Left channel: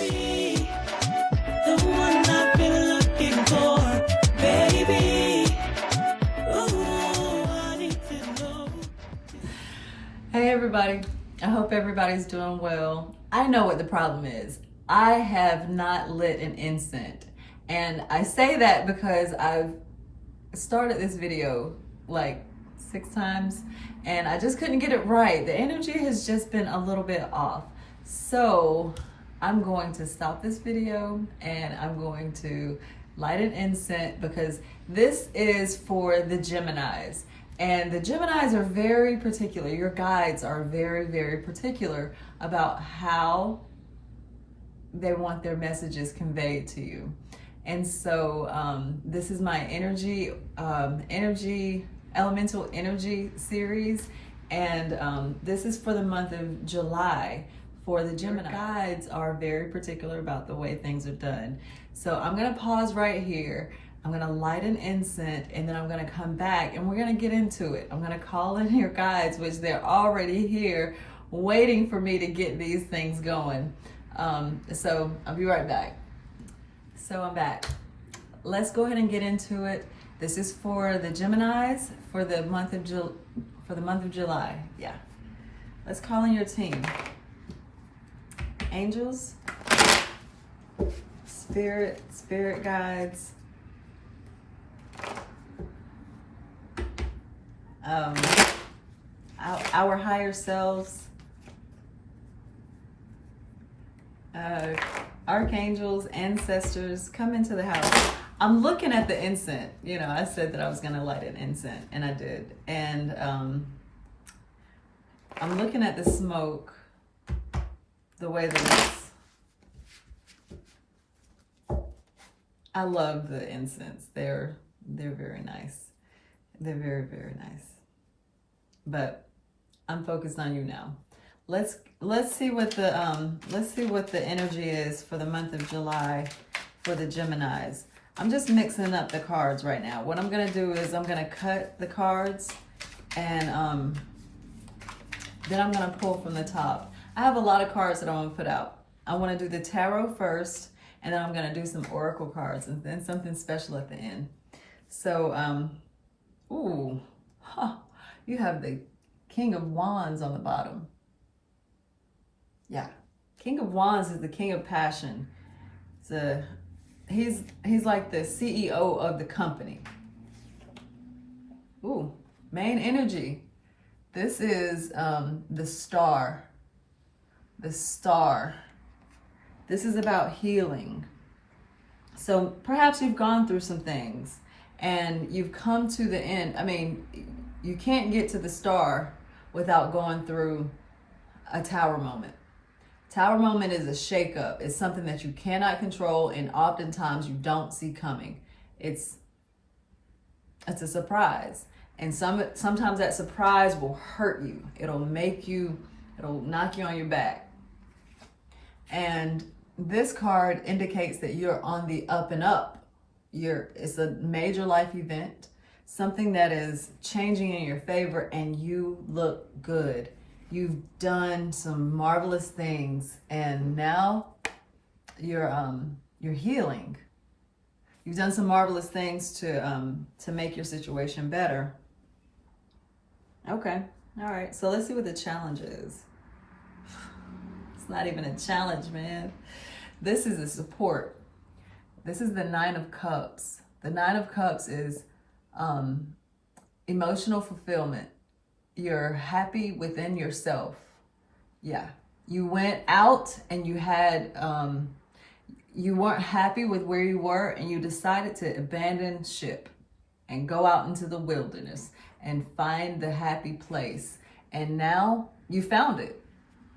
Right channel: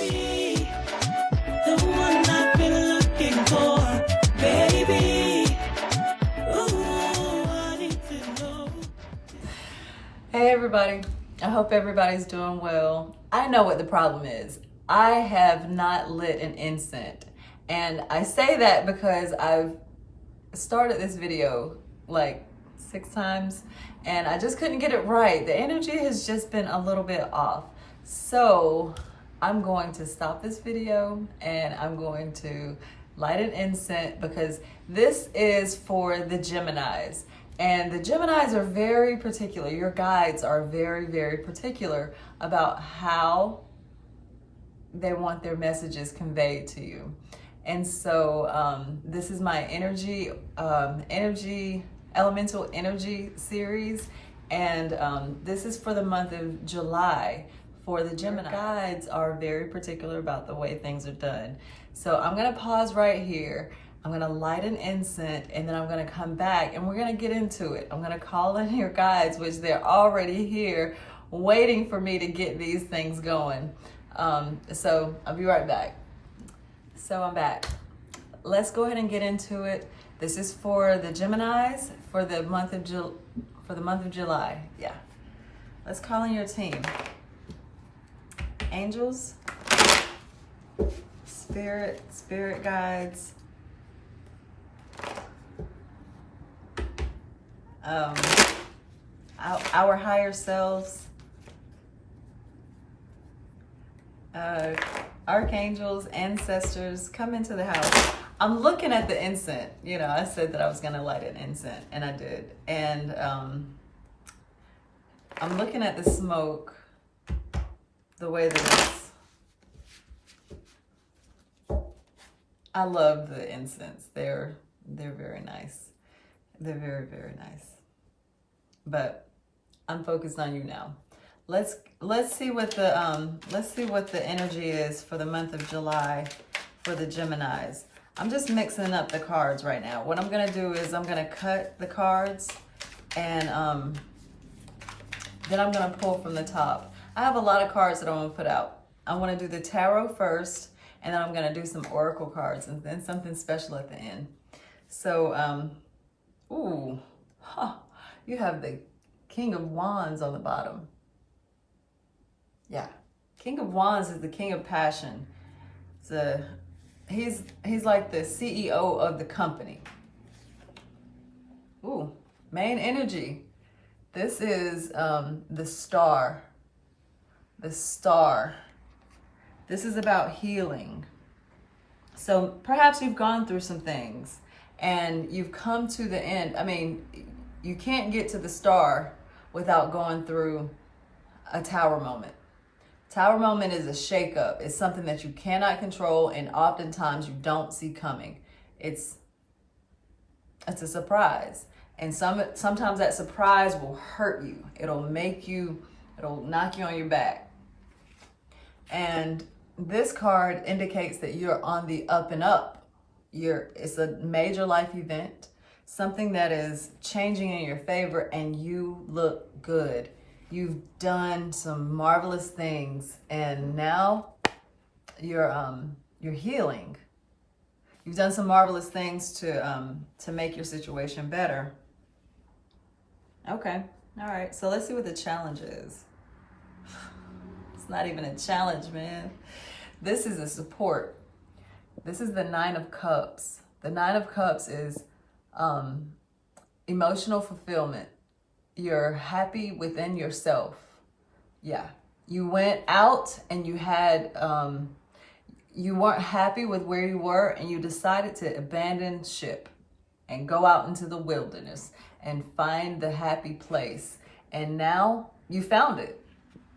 be the one I've been looking for, baby. Ooh, I need to know. Hey everybody, I hope everybody's doing well. I know what the problem is. I have not lit an incense, and I say that because I've started this video like 6 times and I just couldn't get it right. The energy has just been a little bit off. So I'm going to stop this video and I'm going to light an incense because this is for the Geminis. And the Geminis are very particular. Your guides are very, very particular about how they want their messages conveyed to you. And so this is my elemental energy series. And this is for the month of July for the Gemini. Guides are very particular about the way things are done. So I'm gonna pause right here. I'm gonna light an incense and then I'm gonna come back and we're gonna get into it. I'm gonna call in your guides, which they're already here waiting for me to get these things going. So I'll be right back. So I'm back. Let's go ahead and get into it. This is for the Geminis for the month of July. Yeah. Let's call in your team. Angels, spirit guides, our higher selves, archangels, ancestors, come into the house. I'm looking at the incense. You know, I said that I was gonna light an incense, and I did. And I'm looking at the smoke, the way that it's. I love the incense. They're very nice. They're very, very nice. But I'm focused on you now. Let's see what the energy is for the month of July for the Geminis. I'm just mixing up the cards right now. What I'm gonna do is I'm gonna cut the cards and then I'm gonna pull from the top. I have a lot of cards that I want to put out. I want to do the tarot first, and then I'm gonna do some oracle cards and then something special at the end. So ooh, huh, you have the King of Wands on the bottom. Yeah, King of Wands is the king of passion. He's like the CEO of the company. Ooh, main energy. This is the star. The star. This is about healing. So perhaps you've gone through some things and you've come to the end. I mean, you can't get to the star without going through a tower moment. Tower moment is a shakeup. It's something that you cannot control and oftentimes you don't see coming. It's a surprise. And sometimes that surprise will hurt you. It'll knock you on your back. And this card indicates that you're on the up and up. It's a major life event, something that is changing in your favor, and you look good. You've done some marvelous things, and now you're healing. You've done some marvelous things to make your situation better. Okay, all right. So let's see what the challenge is. It's not even a challenge, man. This is a support. This is the 9 of Cups. The 9 of Cups is emotional fulfillment. You're happy within yourself. Yeah. You went out and you had, you weren't happy with where you were and you decided to abandon ship and go out into the wilderness and find the happy place. And now you found it.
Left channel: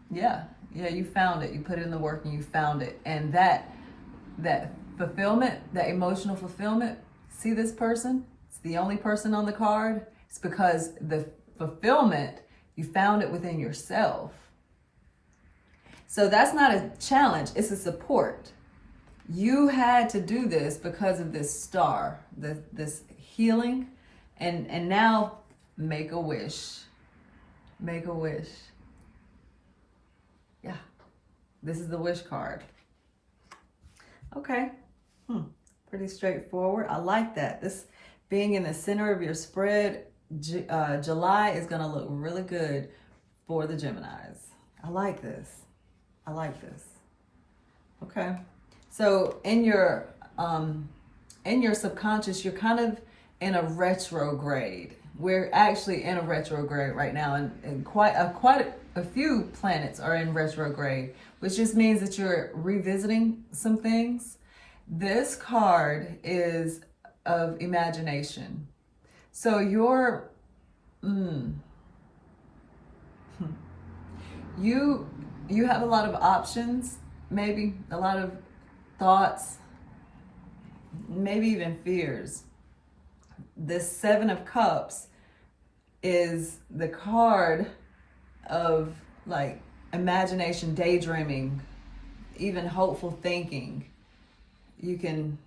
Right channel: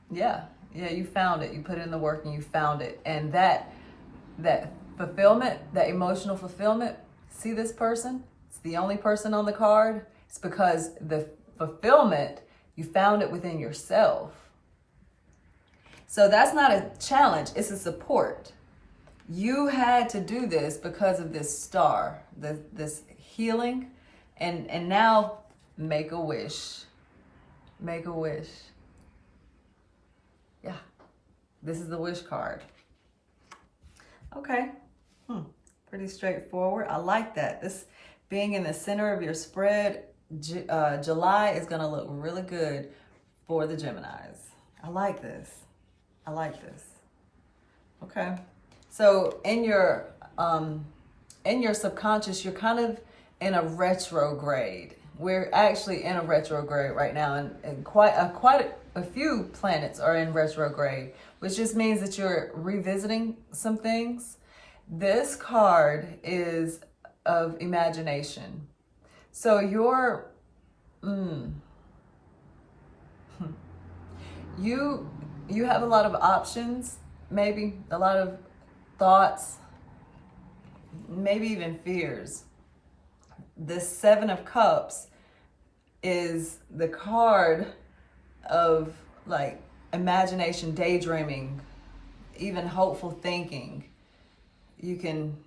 Yeah, you found it. You put in the work and you found it. And that fulfillment, that emotional fulfillment, see this person? It's the only person on the card. It's because the fulfillment, you found it within yourself. So that's not a challenge, it's a support. You had to do this because of this star, this healing, and now make a wish. Make a wish. Yeah, this is the wish card. Okay. Pretty straightforward. I like that. This being in the center of your spread, July is going to look really good for the Geminis. I like this. I like this. Okay. So in your subconscious, you're kind of in a retrograde. We're actually in a retrograde right now, and quite a few planets are in retrograde, which just means that you're revisiting some things. This card is of imagination. So you're, you have a lot of options, maybe a lot of thoughts, maybe even fears. This Seven of Cups is the card of like imagination, daydreaming, even hopeful thinking. You can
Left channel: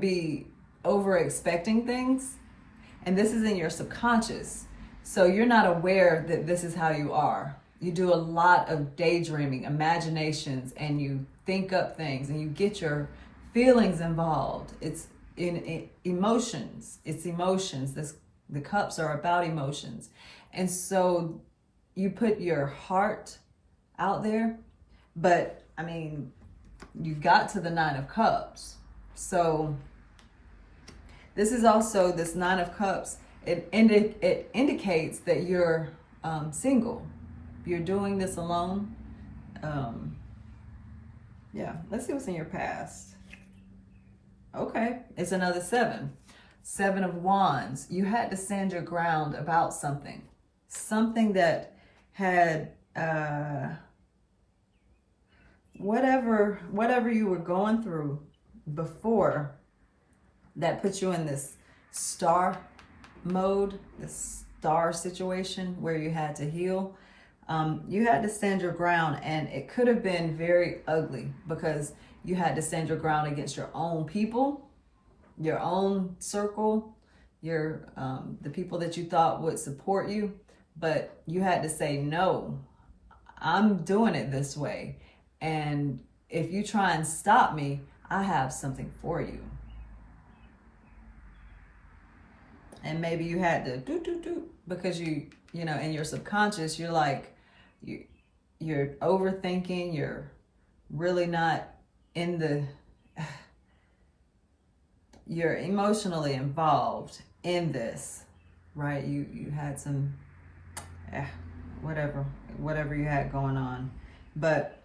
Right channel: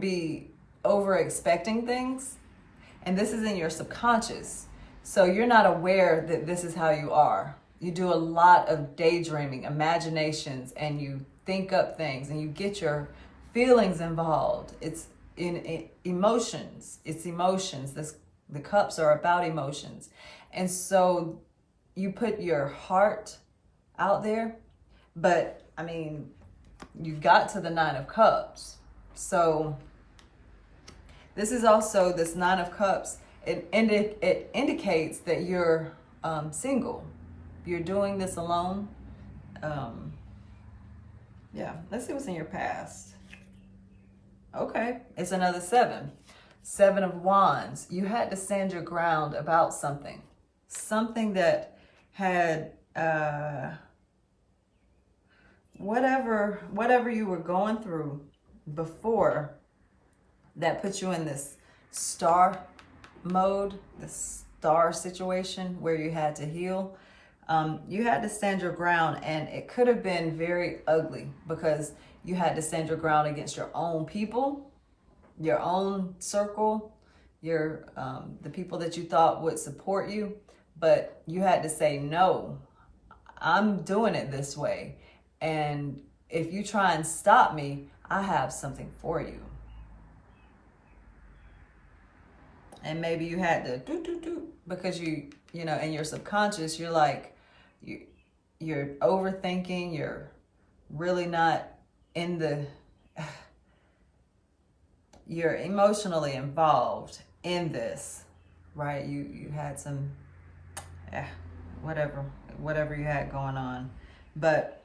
be over expecting things, and this is in your subconscious. So you're not aware that this is how you are. You do a lot of daydreaming, imaginations, and you think up things and you get your feelings involved. It's in emotions. It's emotions. The cups are about emotions. And so you put your heart out there, but I mean, you got to the Nine of Cups. So this is also, this Nine of Cups, it indicates that you're single. You're doing this alone. Yeah, let's see what's in your past. Okay, it's another seven. Seven of Wands. You had to stand your ground about something. Something that had, whatever you were going through before that put you in this star mode, this star situation where you had to heal. You had to stand your ground, and it could have been very ugly because you had to stand your ground against your own people, your own circle, your the people that you thought would support you, but you had to say, no, I'm doing it this way. And if you try and stop me, I have something for you. And maybe you had to do because you know, in your subconscious, you're like, you're overthinking, you're really not in the, you're emotionally involved in this, right? You had some, whatever you had going on. But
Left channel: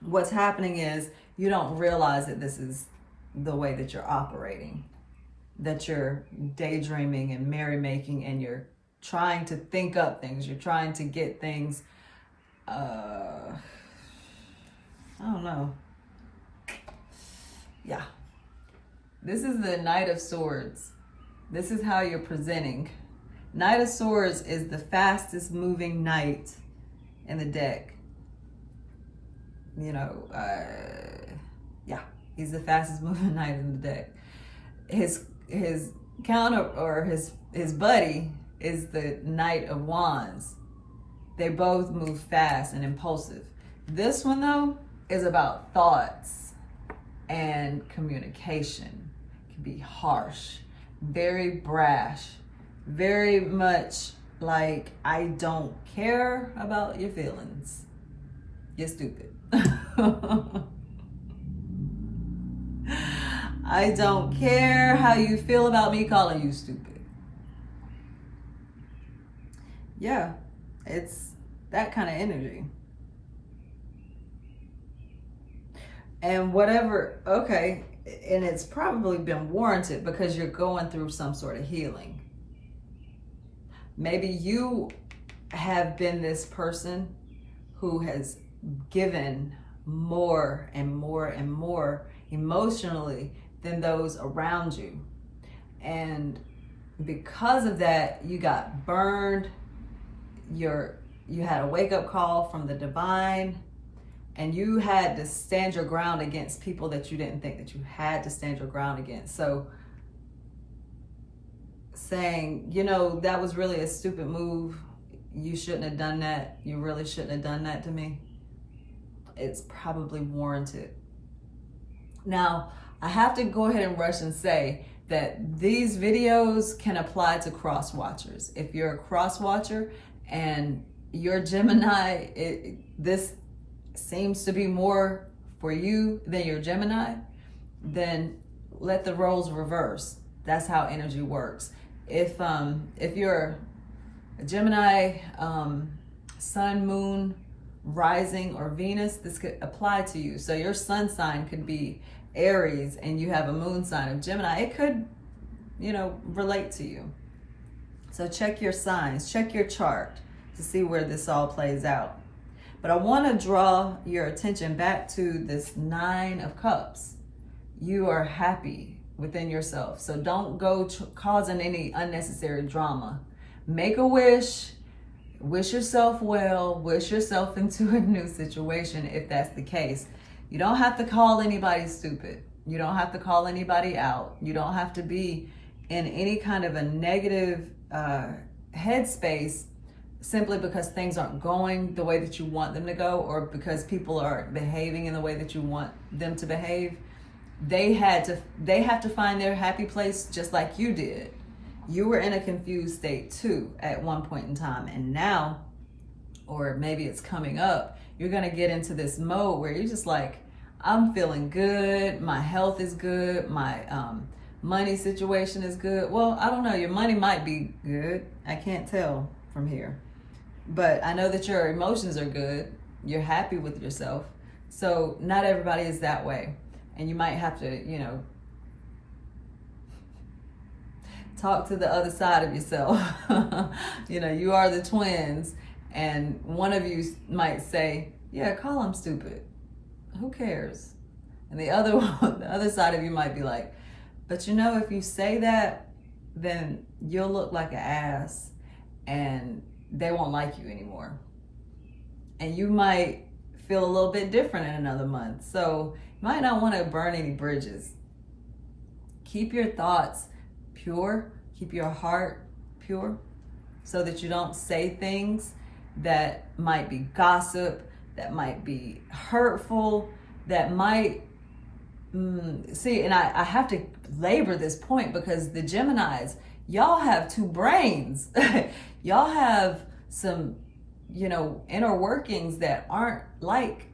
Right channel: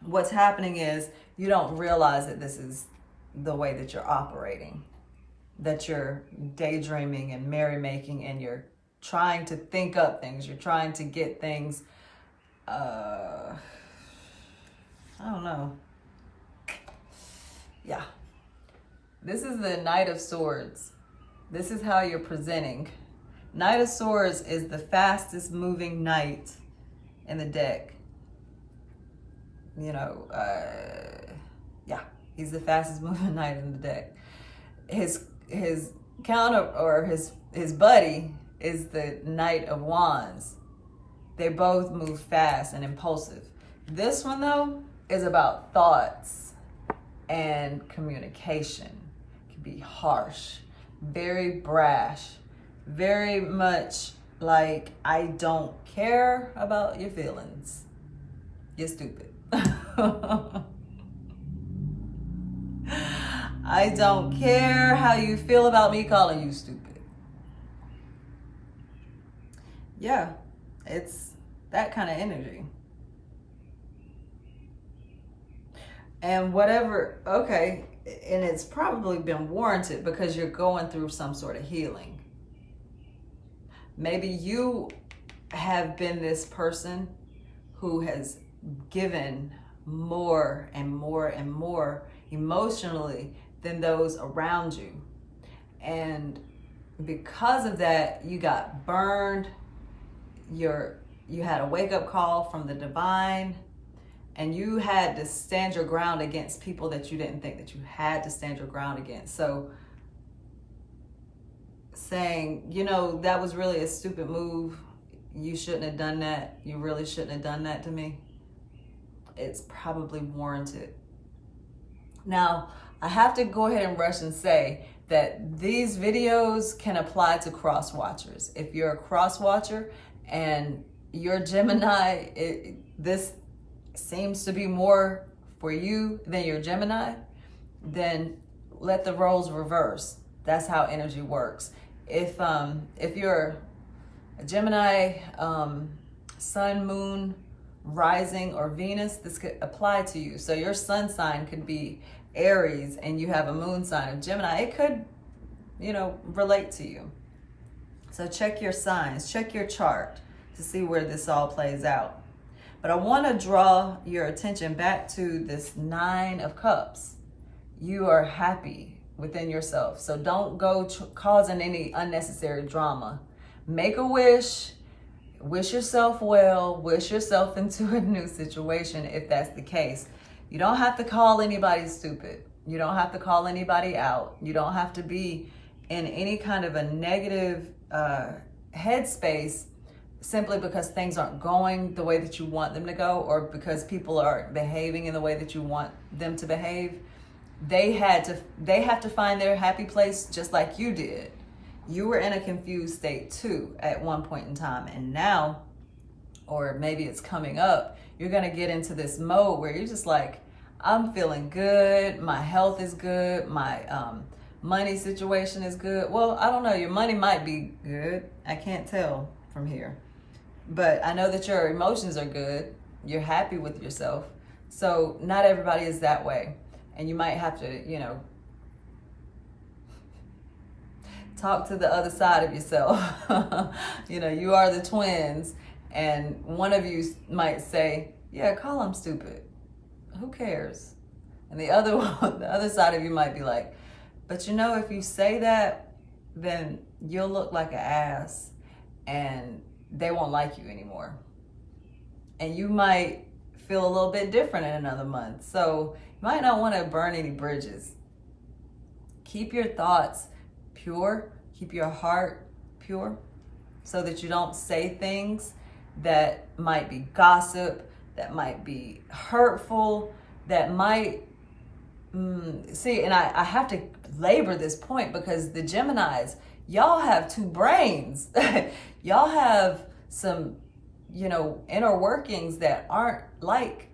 what's happening is you don't realize that this is the way that you're operating, that you're daydreaming and merrymaking, and you're trying to think up things. You're trying to get things, I don't know. Yeah. This is the Knight of Swords. This is how you're presenting. Knight of Swords is the fastest moving knight in the deck. You know, yeah, he's the fastest moving knight in the deck. His counter, or his buddy, is the Knight of Wands. They both move fast and impulsive. This one, though, is about thoughts and communication. It can be harsh, very brash, very much like, I don't care about your feelings. You're stupid. I don't care how you feel about me calling you stupid. Yeah, it's that kind of energy. And whatever, okay, and it's probably been warranted because you're going through some sort of healing. Maybe you have been this person who has given more and more and more emotionally than those around you. And because of that, you got burned. You had a wake-up call from the divine, and you had to stand your ground against people that you didn't think that you had to stand your ground against. So saying, you know, that was really a stupid move. You shouldn't have done that. You really shouldn't have done that to me. It's probably warranted. Now, I have to go ahead and rush and say that these videos can apply to cross watchers. If you're a cross watcher and you're Gemini, this seems to be more for you than your Gemini, then let the roles reverse. That's how energy works. If you're a Gemini, sun, moon, rising, or Venus, this could apply to you. So your sun sign could be Aries and you have a moon sign of Gemini. It could, relate to you. So check your signs, check your chart to see where this all plays out. But I want to draw your attention back to this 9 of Cups. You are happy within yourself. So don't go causing any unnecessary drama. Make a wish yourself well, wish yourself into a new situation if that's the case. You don't have to call anybody stupid. You don't have to call anybody out. You don't have to be in any kind of a negative headspace simply because things aren't going the way that you want them to go, or because people are behaving in the way that you want them to behave. They have to find their happy place just like you did. You were in a confused state too at one point in time, and now, or maybe it's coming up, you're gonna get into this mode where you're just like, I'm feeling good, my health is good, my money situation is good. Well, I don't know, your money might be good. I can't tell from here. But I know that your emotions are good. You're happy with yourself. So not everybody is that way. And you might have to, talk to the other side of yourself. You are the twins, and one of you might say, yeah, call them stupid. Who cares? And the other side of you might be like, but if you say that, then you'll look like an ass and they won't like you anymore. And you might feel a little bit different in another month. So you might not want to burn any bridges. Keep your thoughts pure, keep your heart pure, so that you don't say things that might be gossip, that might be hurtful, that might, and I have to labor this point because the Geminis, y'all have 2 brains. Y'all have some, inner workings that aren't like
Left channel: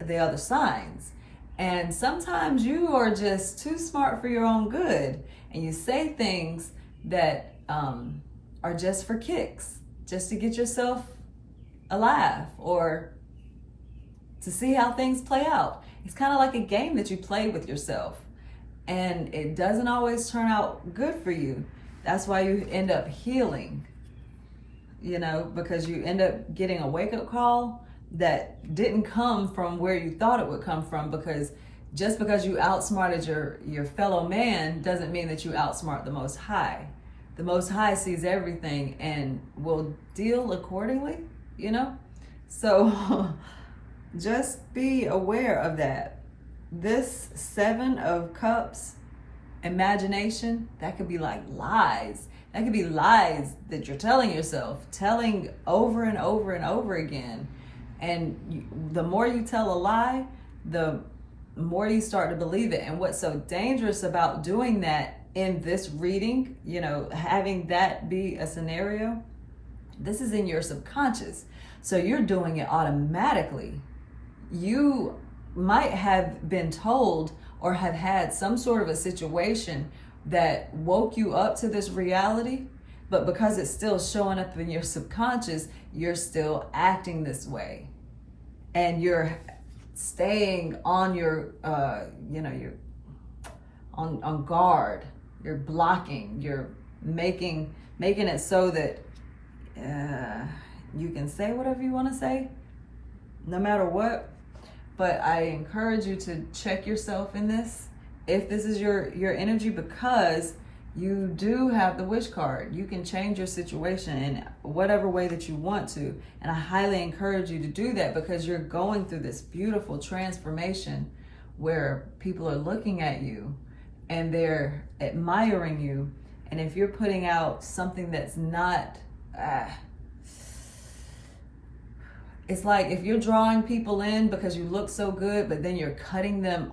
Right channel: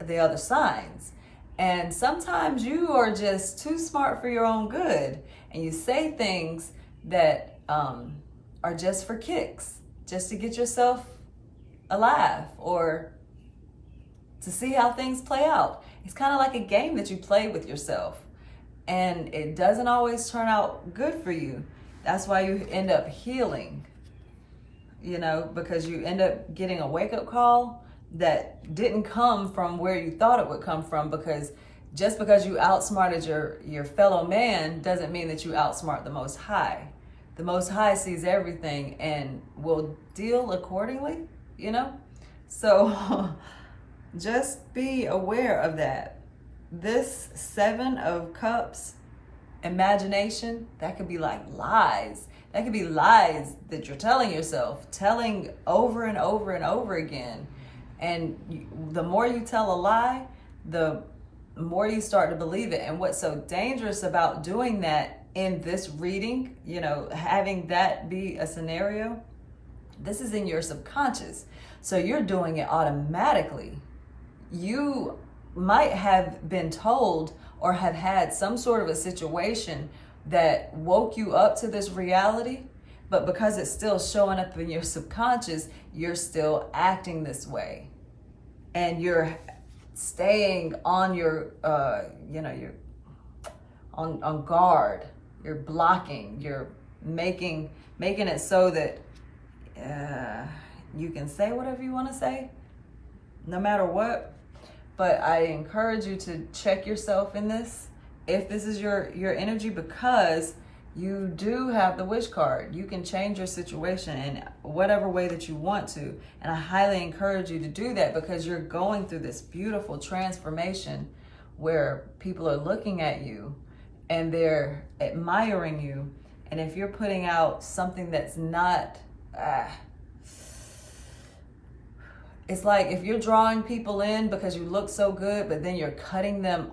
the other signs. And sometimes you are just too smart for your own good. And you say things that are just for kicks, just to get yourself a laugh or to see how things play out. It's kind of like a game that you play with yourself. And it doesn't always turn out good for you. That's why you end up healing, because you end up getting a wake-up call that didn't come from where you thought it would come from, because just because you outsmarted your fellow man doesn't mean that you outsmart the Most High. The Most High sees everything and will deal accordingly, So just be aware of that. This 7 of Cups, imagination, that could be like lies. That could be lies that you're telling yourself, telling over and over and over again. And the more you tell a lie, the more you start to believe it. And what's so dangerous about doing that in this reading, having that be a scenario, this is in your subconscious. So you're doing it automatically. You might have been told or have had some sort of a situation that woke you up to this reality, but because it's still showing up in your subconscious, you're still acting this way. And you're staying on your, you're on guard. You're blocking. You're making it so that you can say whatever you want to say, no matter what. But I encourage you to check yourself in this, if this is your energy, because you do have the wish card. You can change your situation in whatever way that you want to. And I highly encourage you to do that, because you're going through this beautiful transformation where people are looking at you and they're admiring you. And if you're putting out something that's not, it's like if you're drawing people in because you look so good, but then you're cutting them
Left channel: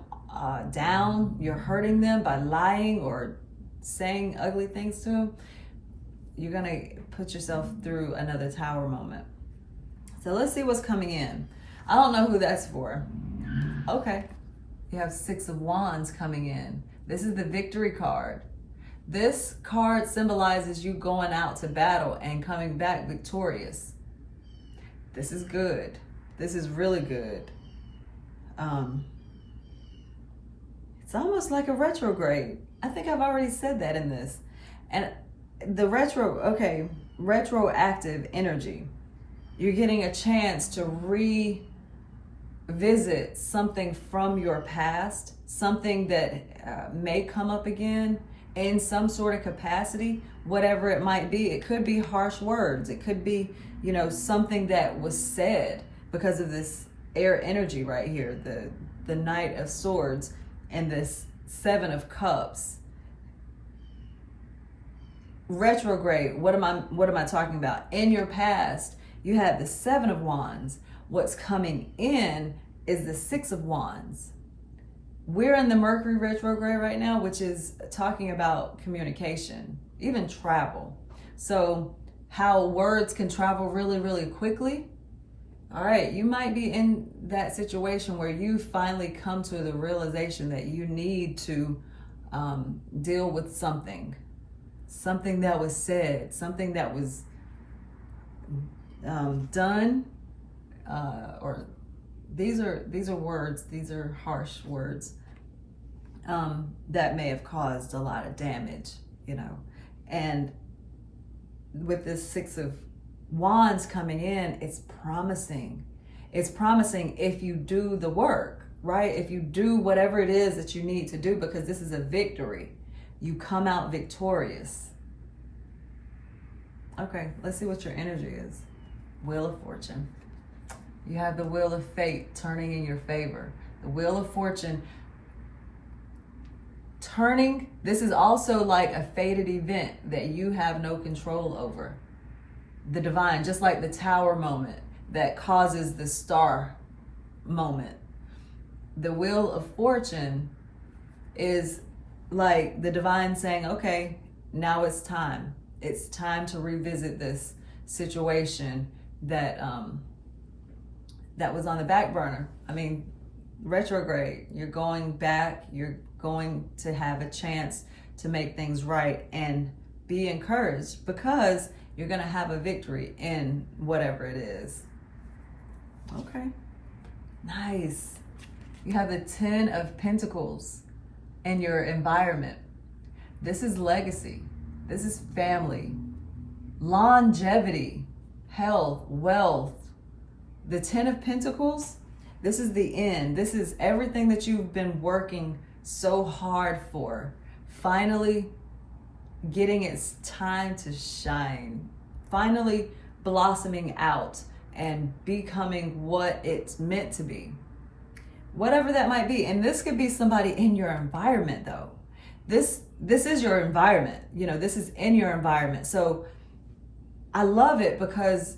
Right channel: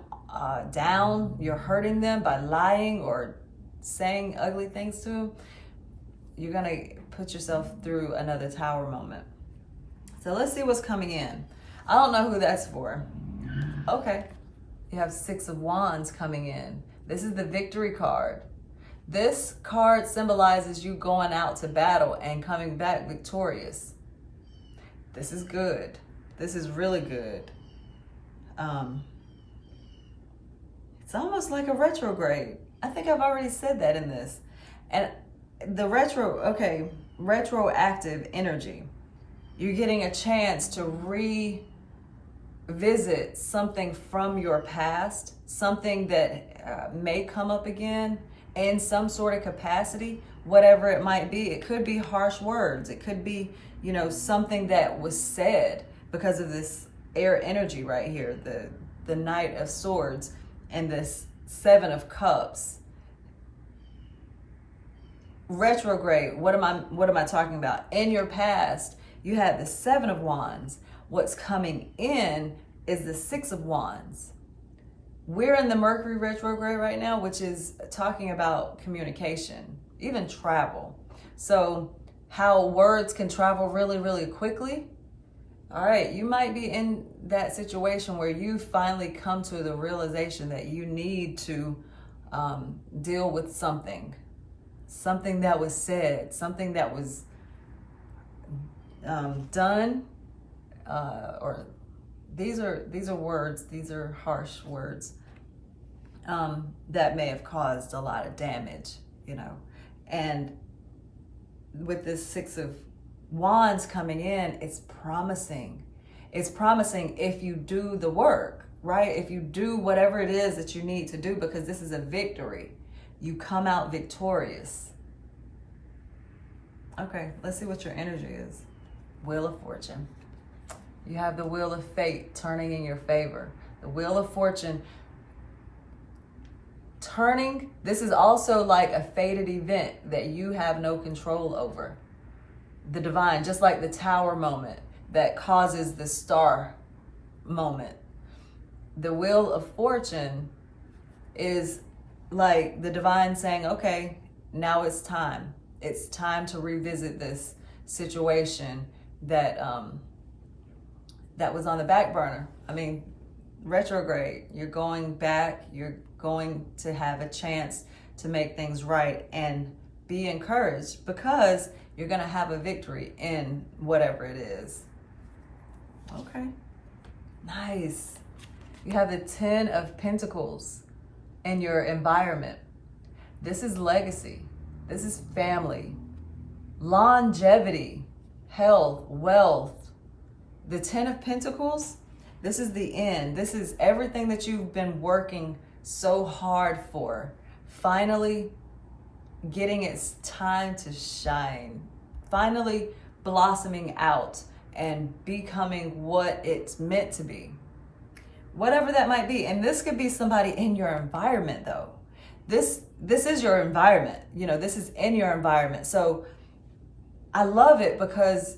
down, you're hurting them by lying or saying ugly things to them, you're gonna put yourself through another tower moment. So let's see what's coming in. I don't know who that's for. Okay, you have 6 of Wands coming in. This is the victory card. This card symbolizes you going out to battle and coming back victorious. This is good. This is really good. It's almost like a retrograde. I think I've already said that in this. And the retroactive energy. You're getting a chance to revisit something from your past, something that may come up again in some sort of capacity, whatever it might be. It could be harsh words. It could be, something that was said because of this air energy right here, the Knight of Swords and this 7 of Cups. Retrograde, what am I talking about? In your past, you had the 7 of Wands. What's coming in is the 6 of Wands. We're in the Mercury retrograde right now, which is talking about communication, even travel. So how words can travel really, really quickly. All right, you might be in that situation where you finally come to the realization that you need to deal with something that was said, something that was done, or these are words, these are harsh words that may have caused a lot of damage, and with this 6 of Wands coming in, it's promising if you do the work, right? If you do whatever it is that you need to do, because this is a victory, you come out victorious. Okay, let's see what your energy is. Wheel of Fortune. You have the Wheel of Fate turning in your favor. The Wheel of Fortune turning, this is also like a fated event that you have no control over. The divine, just like the Tower moment that causes the Star moment. The Wheel of Fortune is like the divine saying, okay, now it's time. It's time to revisit this situation that that was on the back burner. I mean, retrograde, you're going back, you're going to have a chance to make things right and be encouraged, because you're going to have a victory in whatever it is. Okay, nice. You have the 10 of Pentacles in your environment. This is legacy. This is family, longevity, health, wealth. The 10 of Pentacles, this is the end. This is everything that you've been working so hard for, finally getting its time to shine, finally blossoming out and becoming what it's meant to be. Whatever that might be. And this could be somebody in your environment though. This is your environment. This is in your environment. So I love it because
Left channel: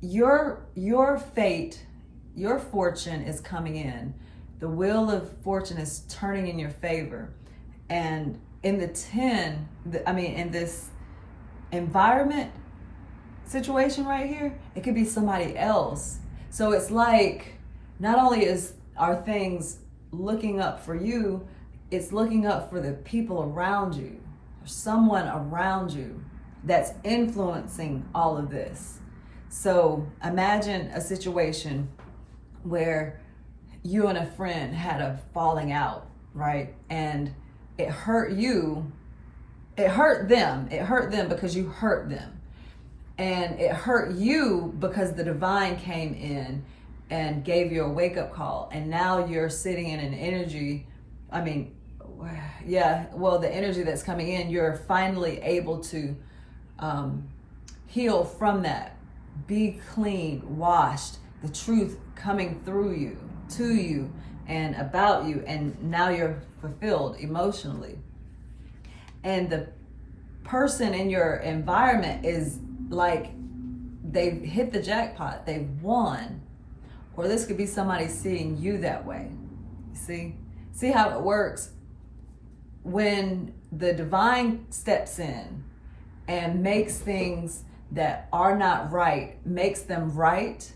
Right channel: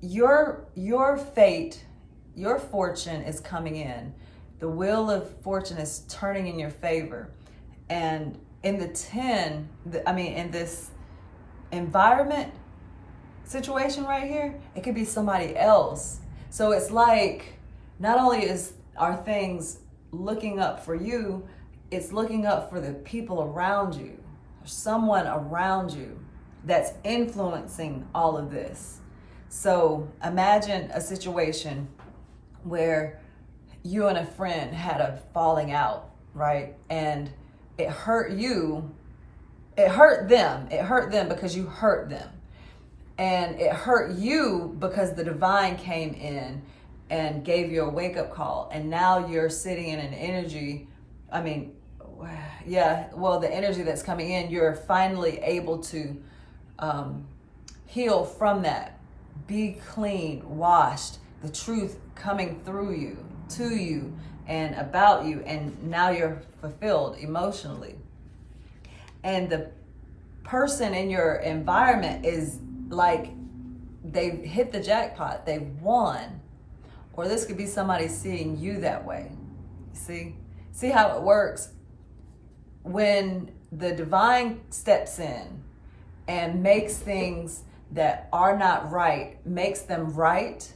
your fate, your fortune is coming in. The Wheel of Fortune is turning in your favor. And in the 10, in this environment situation right here, it could be somebody else. So it's like, not only are things looking up for you, it's looking up for the people around you, someone around you that's influencing all of this. So imagine a situation where you and a friend had a falling out, right? And it hurt you. It hurt them. It hurt them because you hurt them. And it hurt you because the divine came in and gave you a wake-up call. And now you're sitting in an energy, the energy that's coming in, you're finally able to heal from that. Be clean, washed, the truth coming through you, to you, and about you, and now you're fulfilled emotionally. And the person in your environment is like, they've hit the jackpot, they've won. Or this could be somebody seeing you that way. See? See how it works? When the divine steps in and makes things that are not right, makes them right,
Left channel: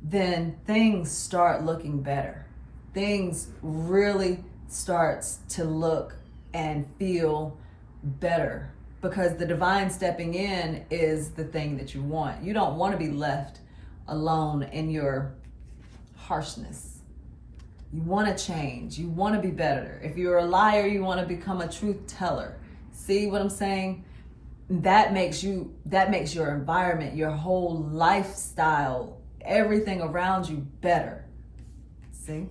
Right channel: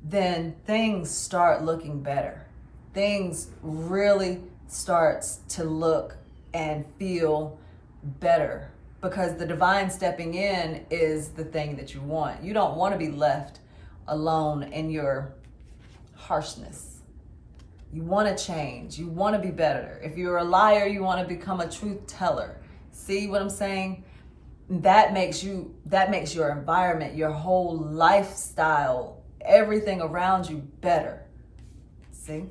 then things start looking better. Things really starts to look and feel better, because the divine stepping in is the thing that you want. You don't want to be left alone in your harshness. You want to change. You want to be better. If you're a liar, you want to become a truth teller. See what I'm saying? That makes your environment, your whole lifestyle, everything around you better. See?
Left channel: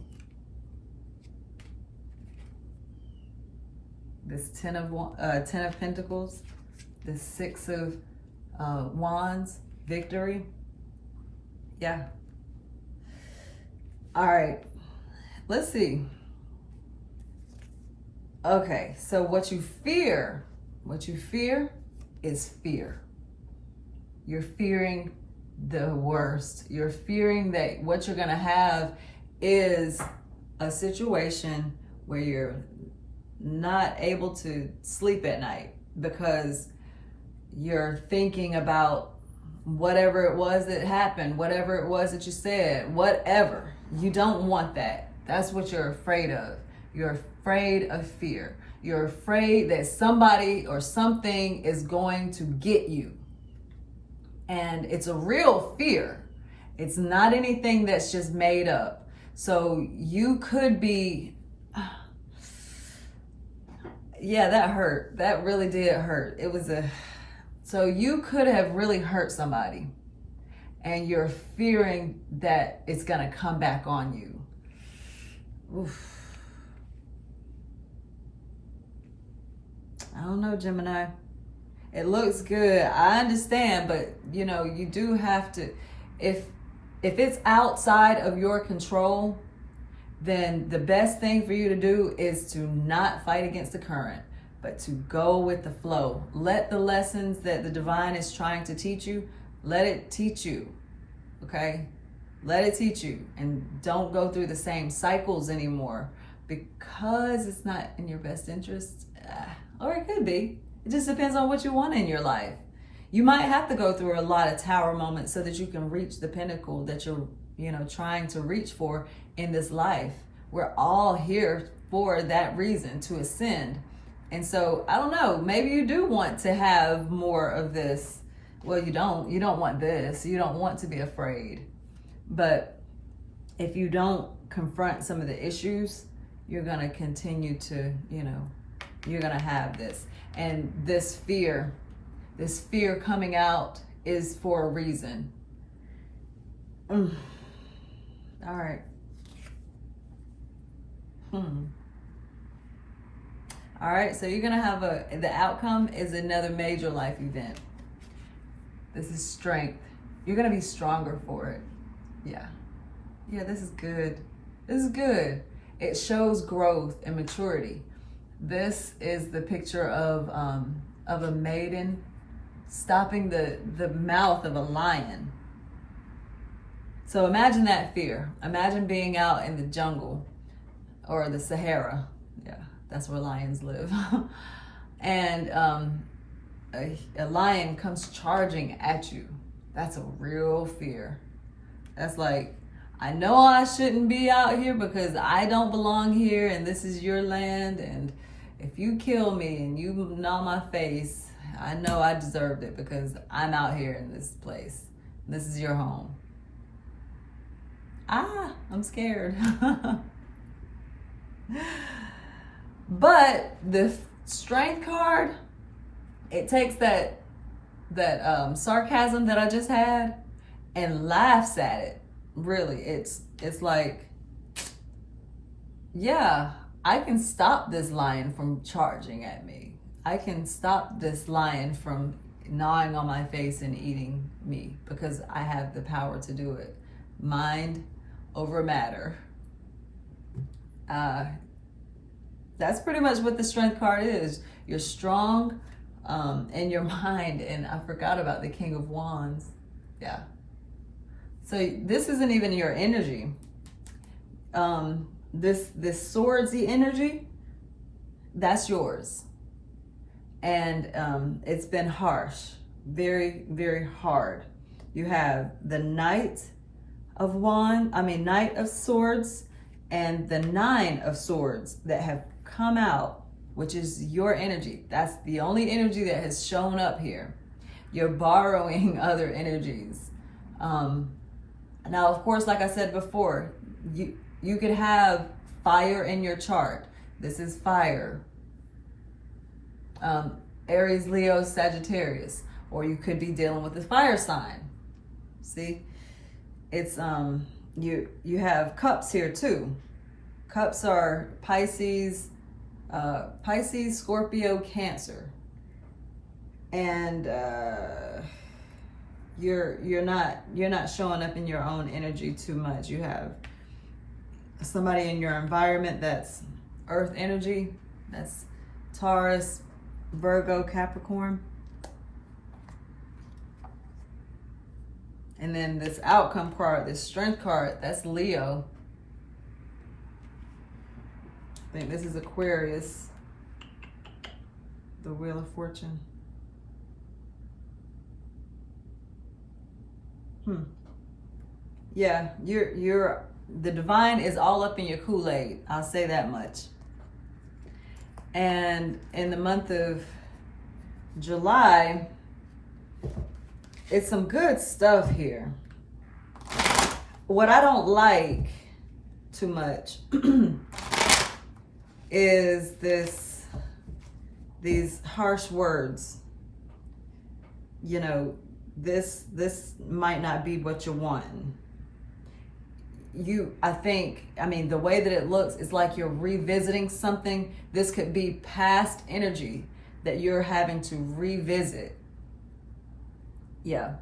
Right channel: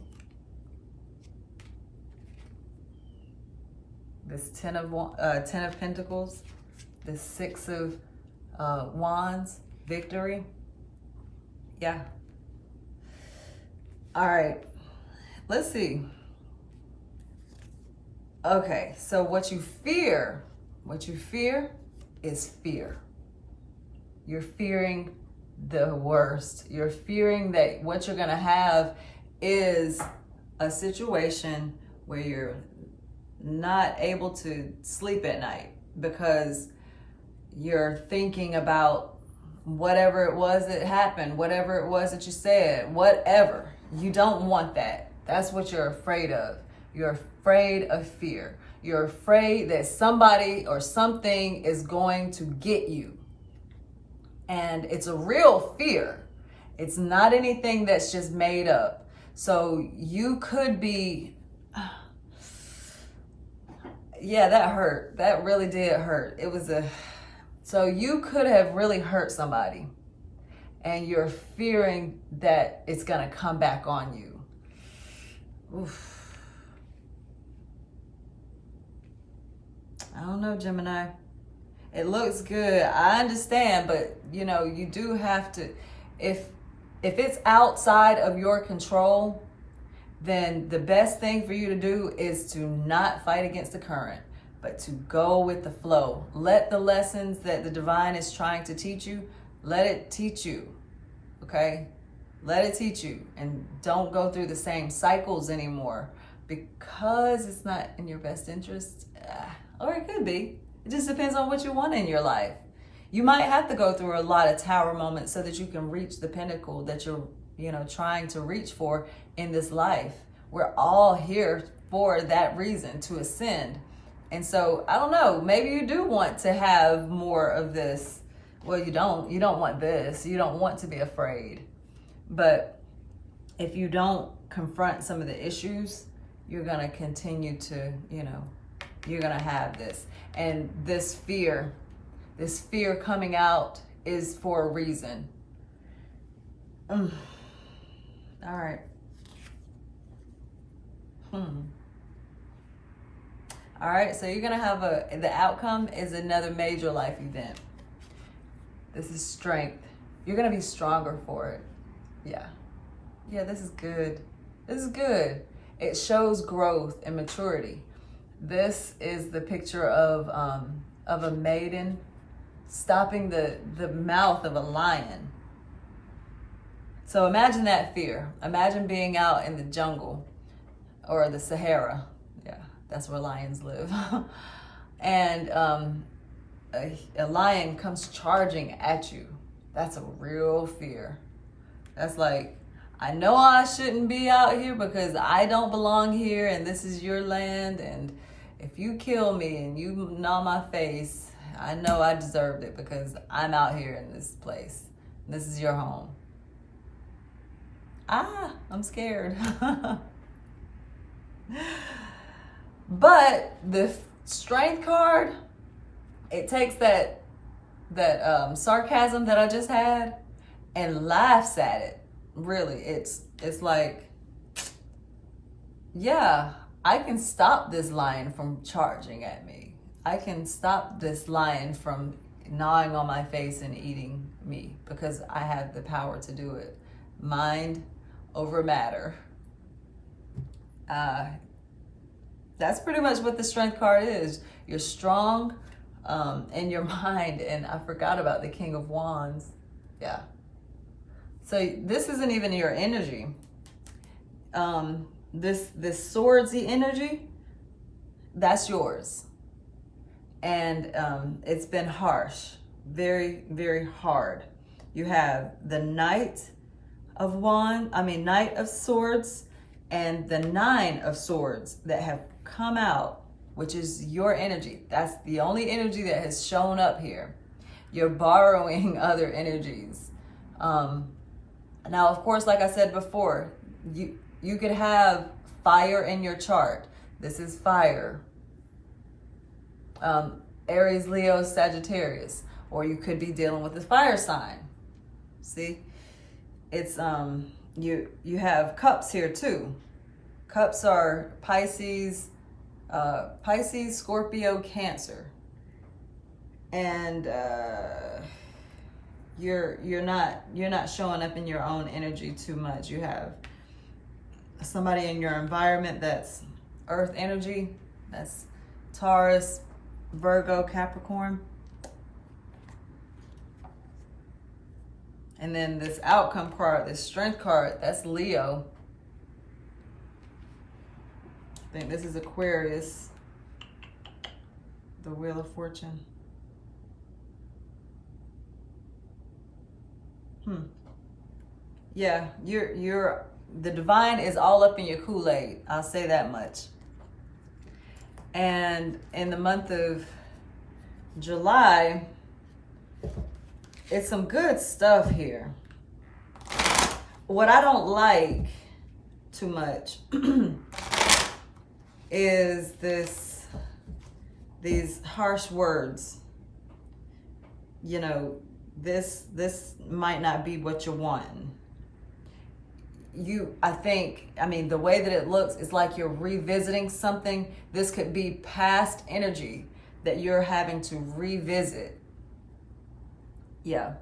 This Ten of Pentacles, this Six of Wands, victory. Yeah. All right. Let's see. Okay, so what you fear is fear. You're fearing the worst. You're fearing that what you're gonna have is a situation where you're not able to sleep at night because you're thinking about whatever it was that happened, whatever it was that you said, whatever. You don't want that. That's what you're afraid of. You're afraid of fear. You're afraid that somebody or something is going to get you. And it's a real fear. It's not anything that's just made up. So you could be, yeah, that hurt. That really did hurt. So you could have really hurt somebody, and you're fearing that it's gonna come back on you. Oof. I don't know, Gemini. It looks good. I understand, but you do have to, if it's outside of your control, then the best thing for you to do is to not fight against the current, but to go with the flow. Let the lessons that the divine is trying to teach you, let it teach you, okay? Let it teach you, and don't go through the same cycles anymore, because it's not in your best interest, or it could be. It just depends on what you want in your life. You might have to go through a lot of tower moments so that you can reach the pinnacle that you're, trying to reach for in this life. We're all here for that reason, to ascend. And so, I don't know, maybe you do want to have more of this. Well, you don't want this. You don't want to be afraid. But if you don't confront some of the issues, you're going to continue to, you're going to have this. And this fear coming out is for a reason. All right. All right, so you're going to have the outcome is another major life event. This is strength. You're going to be stronger for it. Yeah, this is good. This is good. It shows growth and maturity. This is the picture of a maiden stopping the mouth of a lion. So imagine that fear. Imagine being out in the jungle or the Sahara. Yeah, that's where lions live. And a lion comes charging at you. That's a real fear. That's like, I know I shouldn't be out here because I don't belong here and this is your land, and if you kill me and you gnaw my face, I know I deserved it because I'm out here in this place. This is your home. I'm scared. But the strength card, it takes that sarcasm that I just had and laughs at it. Really, it's like, yeah, I can stop this lion from charging at me. I can stop this lion from gnawing on my face and eating me because I have the power to do it. Mind over matter. That's pretty much what the strength card is. You're strong in your mind, and I forgot about the King of Wands. Yeah. So this isn't even your energy. this swordsy energy, that's yours. And it's been harsh, very, very hard. You have the Knight of Swords and the Nine of Swords that have come out, which is your energy. That's the only energy that has shown up here. You're borrowing other energies. Now, of course, like I said before, you could have fire in your chart. This is fire. Aries, Leo, Sagittarius. Or you could be dealing with the fire sign. See? It's you have cups here too. Cups are Pisces, Scorpio, Cancer. And you're not showing up in your own energy too much. You have somebody in your environment that's earth energy. That's Taurus, Virgo, Capricorn. And then this outcome card, this strength card, that's Leo. I think this is Aquarius. The Wheel of Fortune. Yeah, you're the divine is all up in your Kool-Aid. I'll say that much. And in the month of July, it's some good stuff here. What I don't like too much is these harsh words. You know, this might not be what you're wanting. The way that it looks is like you're revisiting something. This could be past energy that you're having to revisit. Yeah,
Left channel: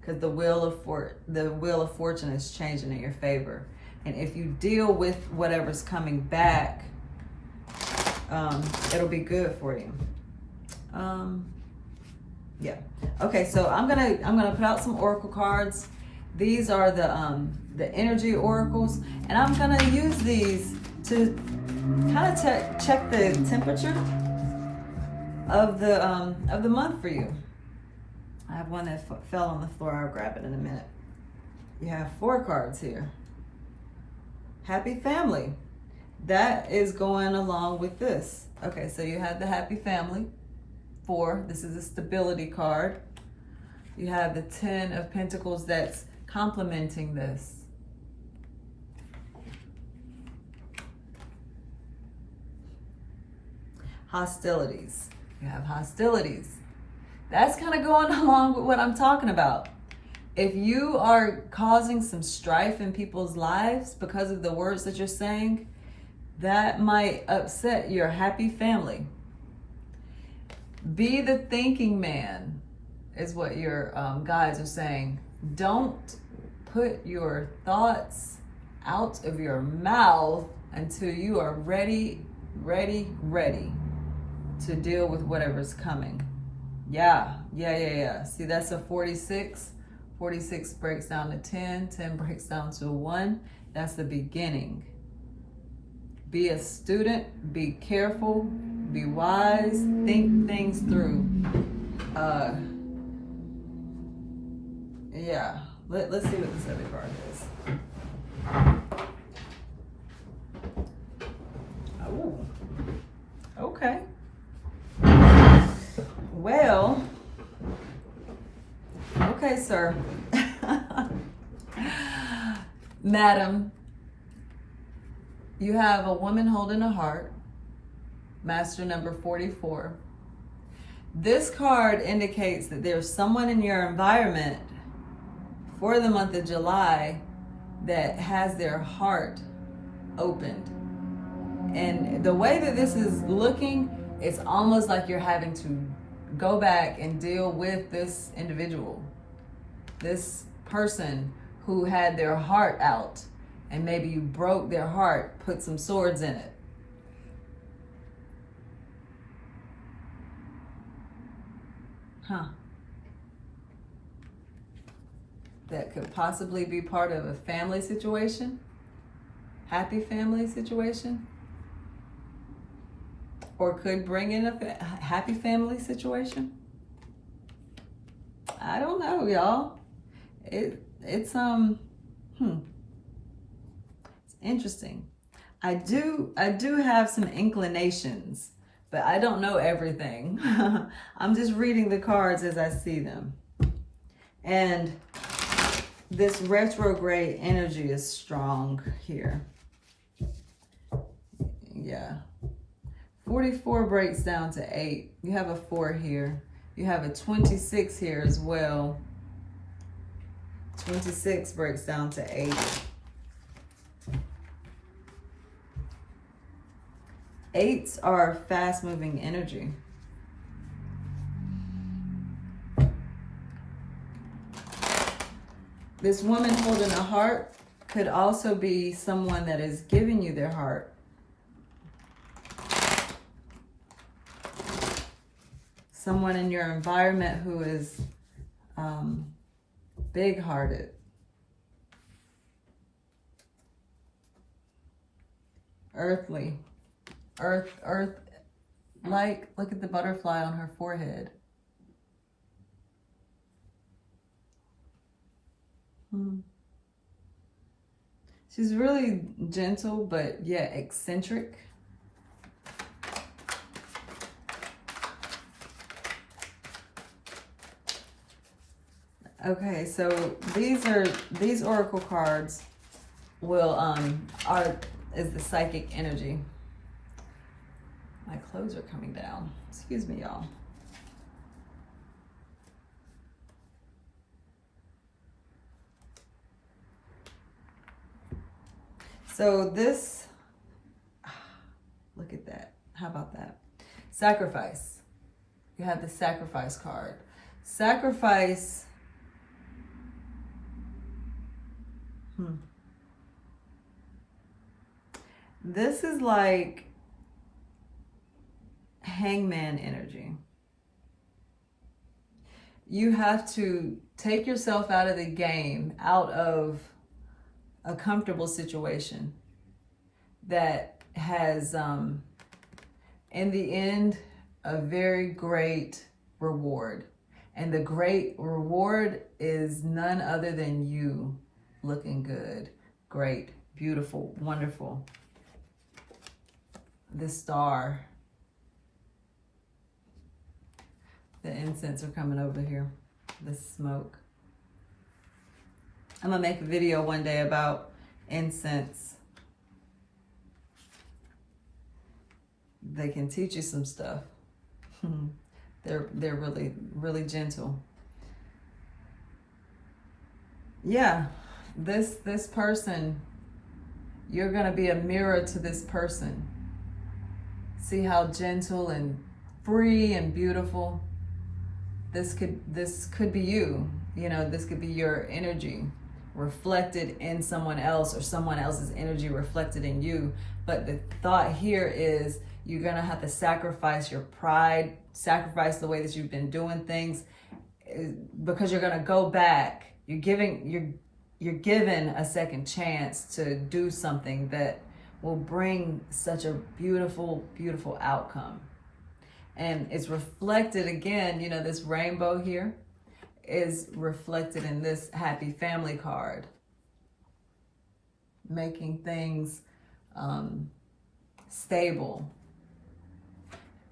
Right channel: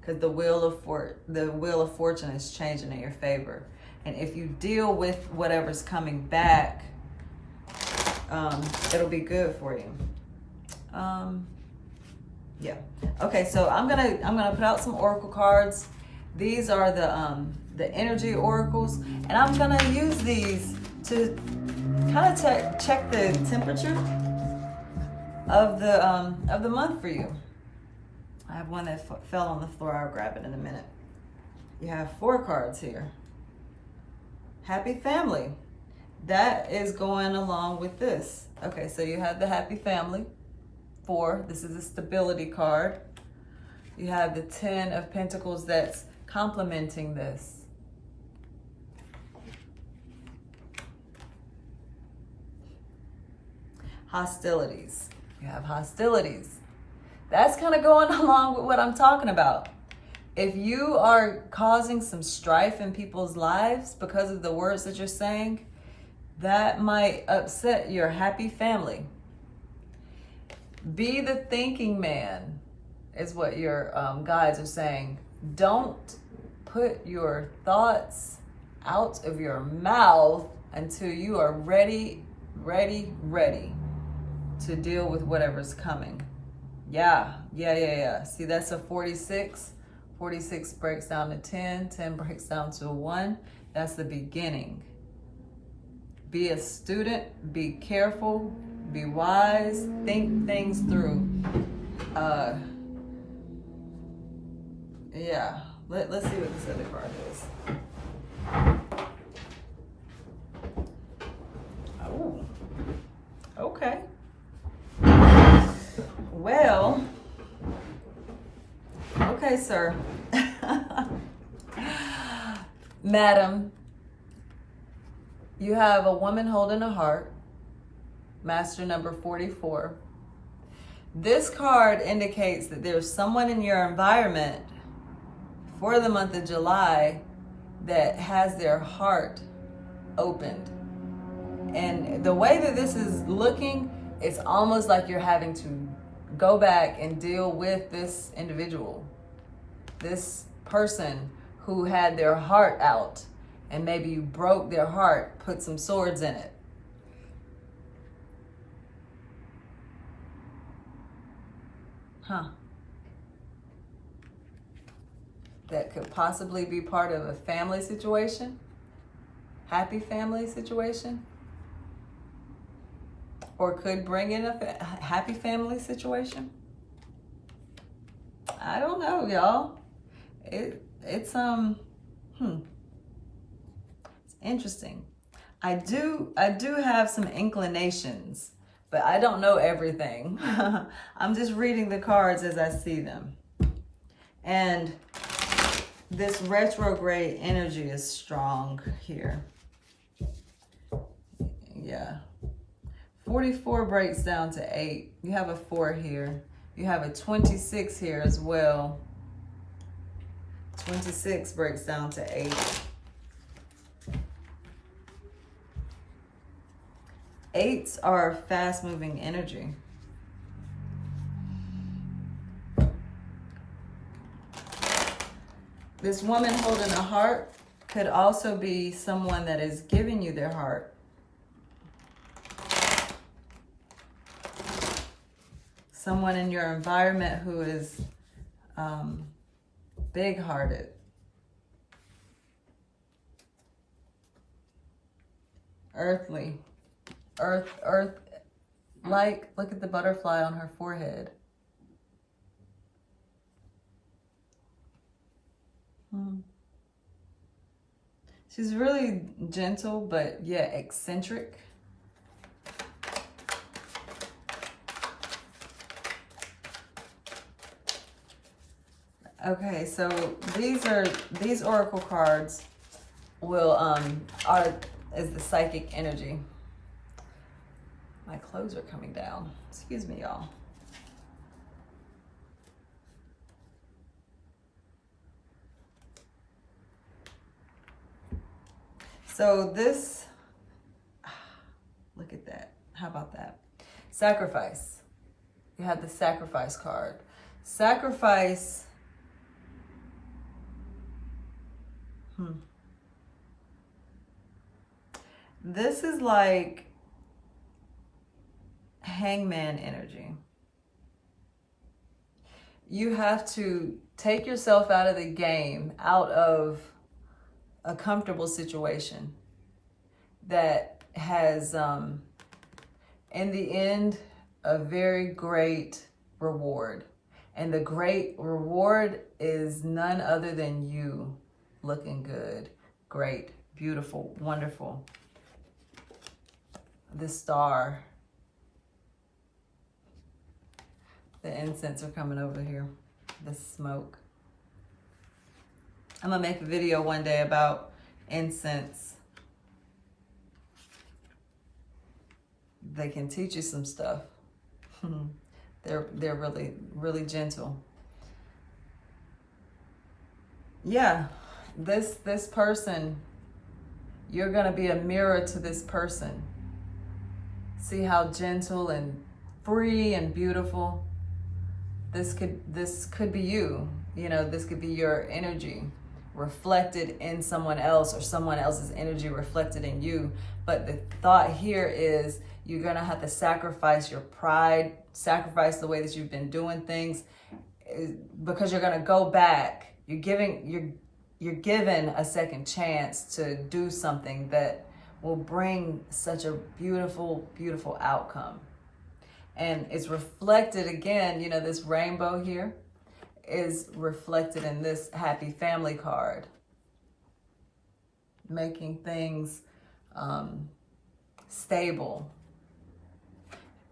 because the Wheel of Fortune is changing in your favor. And if you deal with whatever's coming back, it'll be good for you. Yeah. Okay, so I'm gonna put out some oracle cards. These are the energy oracles, and I'm gonna use these to kind of check the temperature of the month for you. I have one that fell on the floor. I'll grab it in a minute. You have 4 cards here. Happy family. That is going along with this. Okay, so you have the happy family. 4. This is a stability card. You have the 10 of Pentacles that's complementing this. Hostilities. You have hostilities. That's kind of going along with what I'm talking about. If you are causing some strife in people's lives because of the words that you're saying, that might upset your happy family. Be the thinking man, is what your guides are saying. Don't put your thoughts out of your mouth until you are ready to deal with whatever's coming. Yeah. See, that's a 46. 46 breaks down to 10. 10 breaks down to 1. That's the beginning. Be a student. Be careful. Be wise. Think things through. Yeah. Let's see what this other card is. Oh. Okay. Well, okay, sir. Madam, you have a woman holding a heart, master number 44. This card indicates that there's someone in your environment for the month of July that has their heart opened. And the way that this is looking, it's almost like you're having to go back and deal with this individual, this person who had their heart out, and maybe you broke their heart, put some swords in it. That could possibly be part of a family situation. happy family situation, or could bring in a happy family situation. I don't know, y'all. It's interesting. I do have some inclinations, but I don't know everything. I'm just reading the cards as I see them. And this retrograde energy is strong here. Yeah. 44 breaks down to 8. You have a 4 here. You have a 26 here as well. 26 breaks down to 8. 8s are fast-moving energy. This woman holding a heart could also be someone that is giving you their heart. Someone in your environment who is big-hearted. Earthly. Earth, like, look at the butterfly on her forehead. She's really gentle, but yeah, eccentric. Okay, so these oracle cards is the psychic energy. My clothes are coming down. Excuse me, y'all. So this, look at that. How about that? Sacrifice. You have the sacrifice card. Sacrifice. This is like hangman energy. You have to take yourself out of the game, out of a comfortable situation that has, in the end, a very great reward. And the great reward is none other than you looking good, great, beautiful, wonderful. The star. The incense are coming over here. The smoke. I'm gonna make a video one day about incense. They can teach you some stuff. They're really, really gentle. Yeah, this person, you're gonna be a mirror to this person. See how gentle and free and beautiful. This could be you. You know, this could be your energy reflected in someone else, or someone else's energy reflected in you. But the thought here is you're gonna have to sacrifice your pride, sacrifice the way that you've been doing things, because you're gonna go back. You're given a second chance to do something that will bring such a beautiful, beautiful outcome. And it's reflected again, you know, this rainbow here is reflected in this happy family card. Making things stable.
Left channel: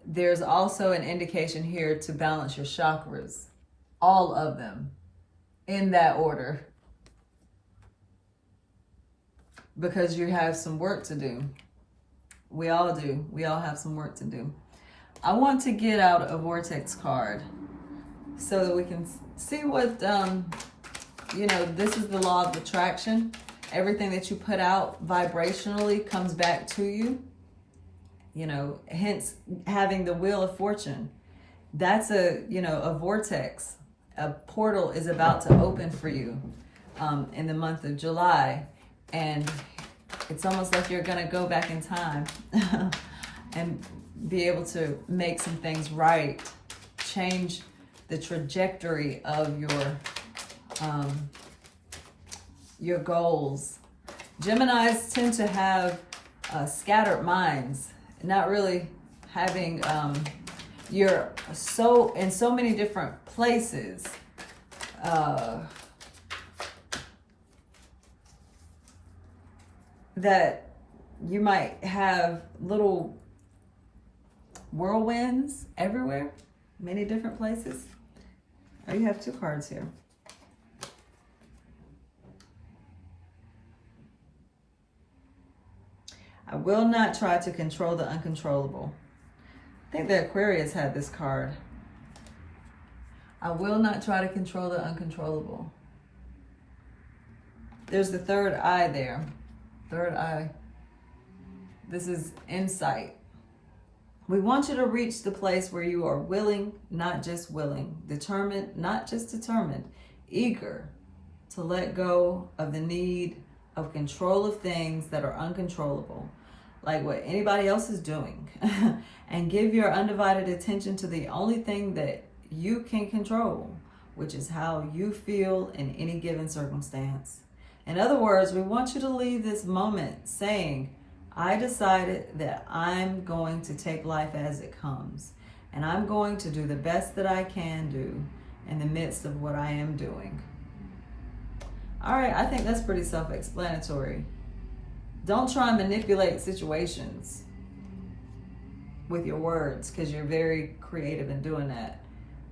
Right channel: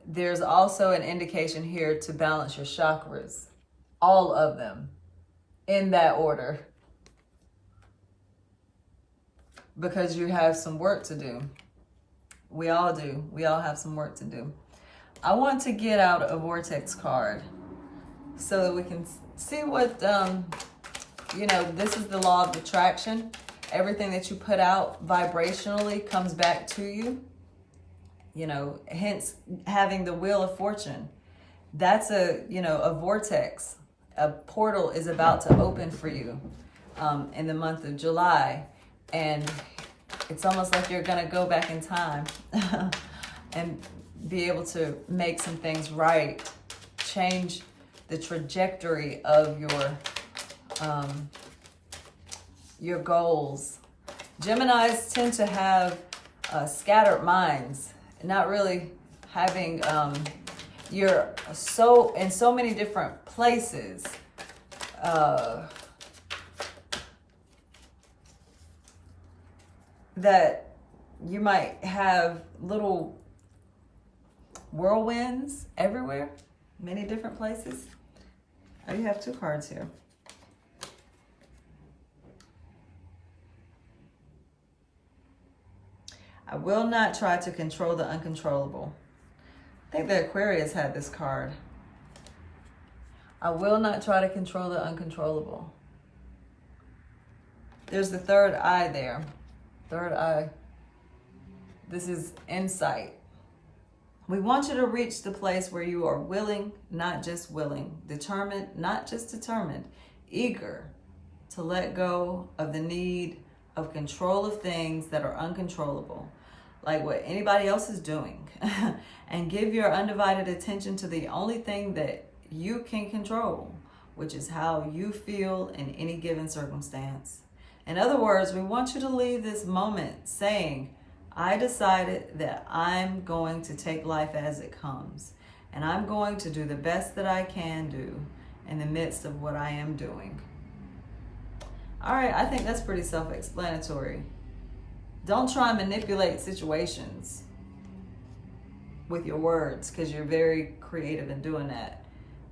There's also an indication here to balance your chakras. All of them. In that order. Because you have some work to do. We all do. We all have some work to do. I want to get out a Vortex card so that we can see what, you know, this is the law of attraction. Everything that you put out vibrationally comes back to you. You know, hence having the Wheel of Fortune. That's a vortex. A portal is about to open for you in the month of July. And it's almost like you're going to go back in time and be able to make some things right, change the trajectory of your goals, Geminis tend to have scattered minds, not really having, you're so in so many different places. That you might have little whirlwinds everywhere, many different places. Oh, you have two cards here. I will not try to control the uncontrollable. I think the Aquarius had this card. I will not try to control the uncontrollable. There's the third eye there. Third eye. This is insight. We want you to reach the place where you are willing, not just willing, determined, not just determined, eager to let go of the need of control of things that are uncontrollable, like what anybody else is doing, and give your undivided attention to the only thing that you can control, which is how you feel in any given circumstance. In other words, we want you to leave this moment saying, I decided that I'm going to take life as it comes, and I'm going to do the best that I can do in the midst of what I am doing. All right, I think that's pretty self-explanatory. Don't try and manipulate situations with your words, because you're very creative in doing that.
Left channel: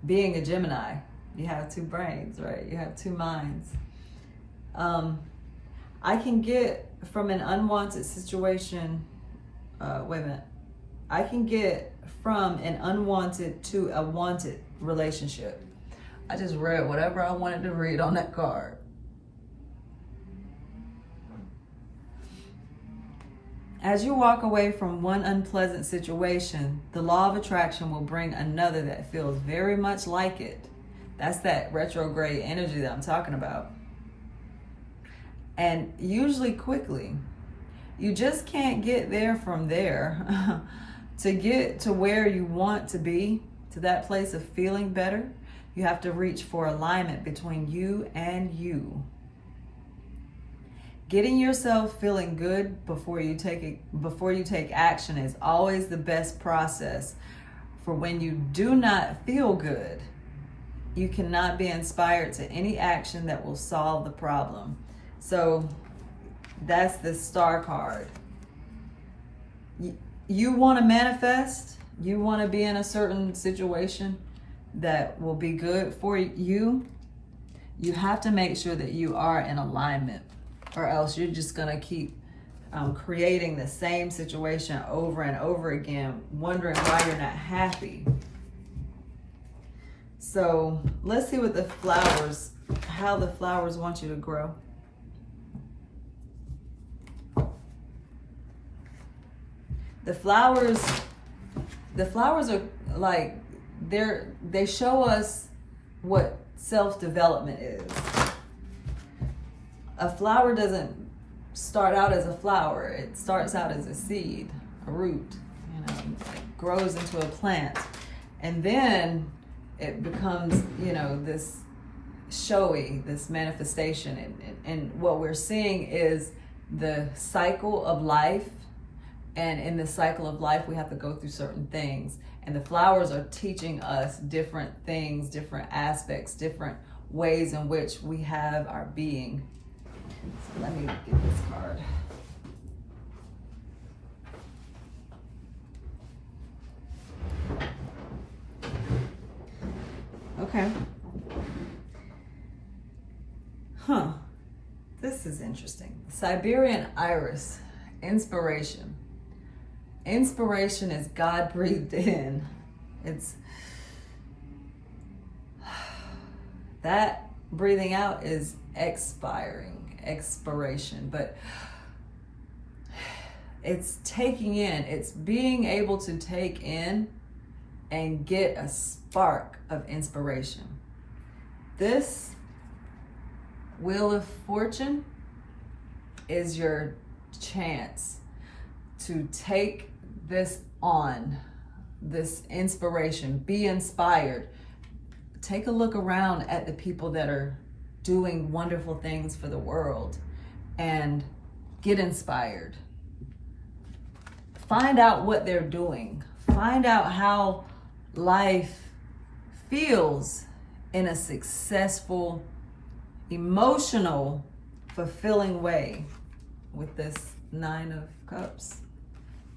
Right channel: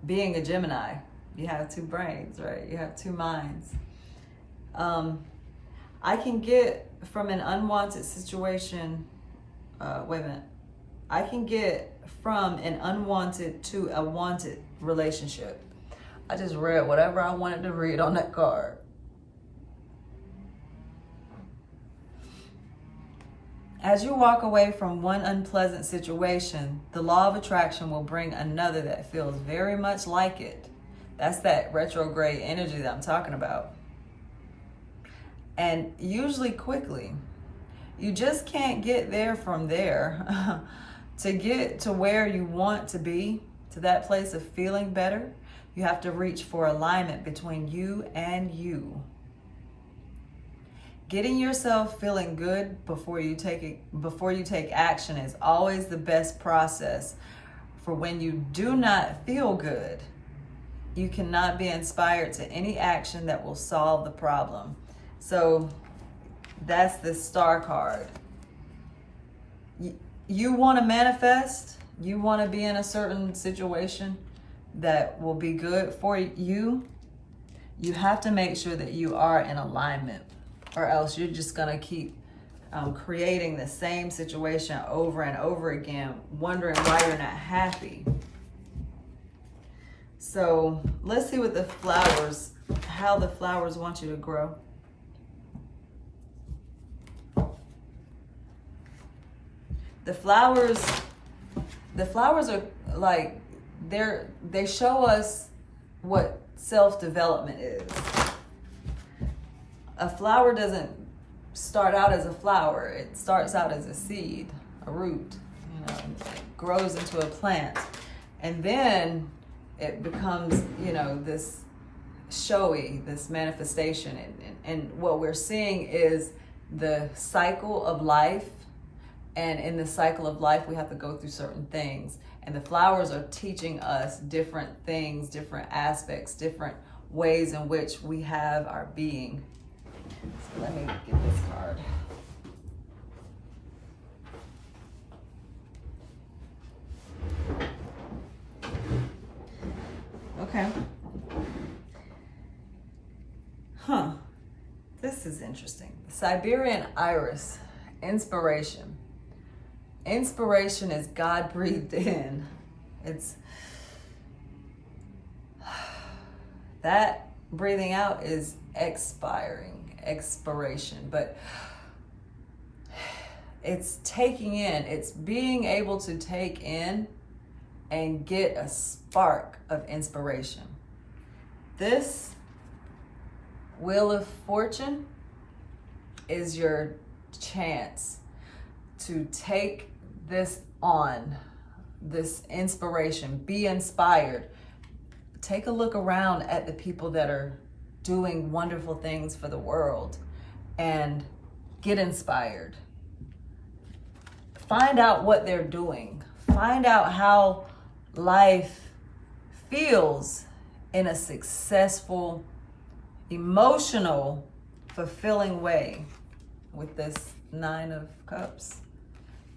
Being a Gemini, you have two brains, right? You have two minds. I can get from an unwanted situation, I can get from an unwanted to a wanted relationship. I just read whatever I wanted to read on that card. As you walk away from one unpleasant situation, the law of attraction will bring another that feels very much like it. That's that retrograde energy that I'm talking about. And usually quickly. You just can't get there from there. To get to where you want to be, to that place of feeling better, you have to reach for alignment between you and you. Getting yourself feeling good before you take action is always the best process. For when you do not feel good, you cannot be inspired to any action that will solve the problem. So that's the Star card. You want to manifest, you want to be in a certain situation that will be good for you. You have to make sure that you are in alignment, or else you're just going to keep creating the same situation over and over again, wondering why you're not happy. So let's see what the flowers, how the flowers want you to grow. The flowers are like, they show us what self-development is. A flower doesn't start out as a flower. It starts out as a seed, a root, grows into a plant. And then it becomes, this showy, this manifestation. And what we're seeing is the cycle of life. And in the cycle of life, we have to go through certain things. And the flowers are teaching us different things, different aspects, different ways in which we have our being. So let me get this card. Okay. This is interesting. Siberian iris, inspiration. Inspiration is God breathed in. It's that breathing out is expiration, but it's taking in, it's being able to take in and get a spark of inspiration. This Wheel of Fortune is your chance to take this on, this inspiration, be inspired. Take a look around at the people that are doing wonderful things for the world and get inspired. Find out what they're doing. Find out how life feels in a successful, emotional, fulfilling way with this 9 of Cups.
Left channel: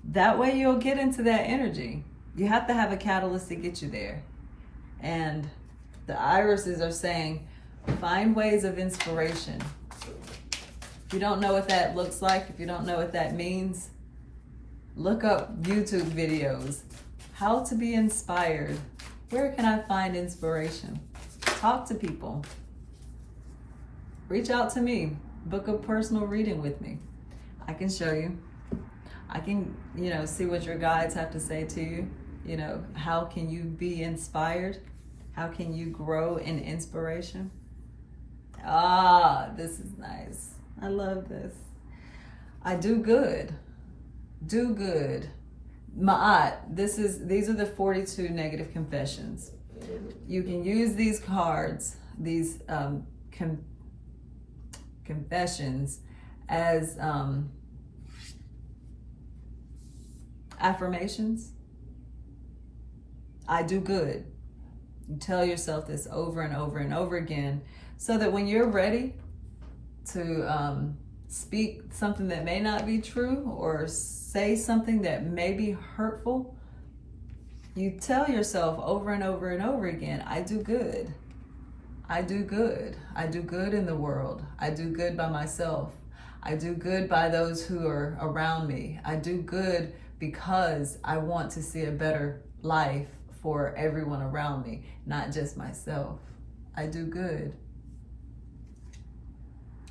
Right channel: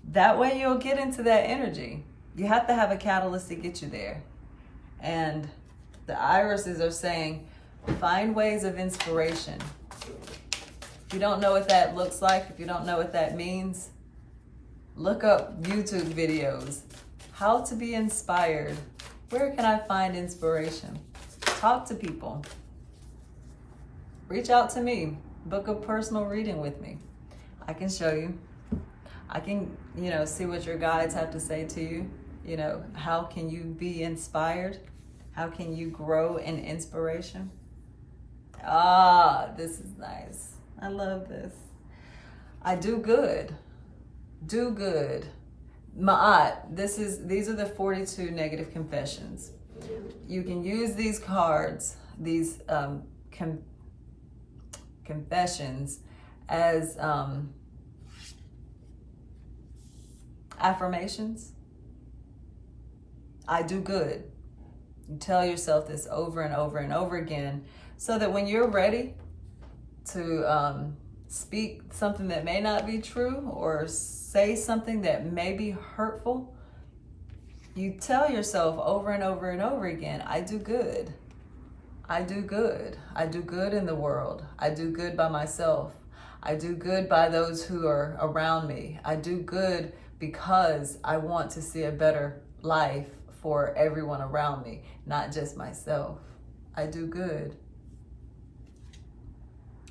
That way you'll get into that energy. You have to have a catalyst to get you there. And the irises are saying, find ways of inspiration. If you don't know what that looks like, if you don't know what that means, look up YouTube videos. How to be inspired. Where can I find inspiration? Talk to people. Reach out to me. Book a personal reading with me. I can show you. I can, see what your guides have to say to you. How can you be inspired? How can you grow in inspiration? This is nice. I love this. I do good. Do good. Ma'at, these are the 42 negative confessions. You can use these cards, these confessions, as affirmations. I do good. You tell yourself this over and over and over again, so that when you're ready to speak something that may not be true or say something that may be hurtful, you tell yourself over and over and over again, I do good. I do good. I do good in the world. I do good by myself. I do good by those who are around me. I do good because I want to see a better life for everyone around me, not just myself. I do good.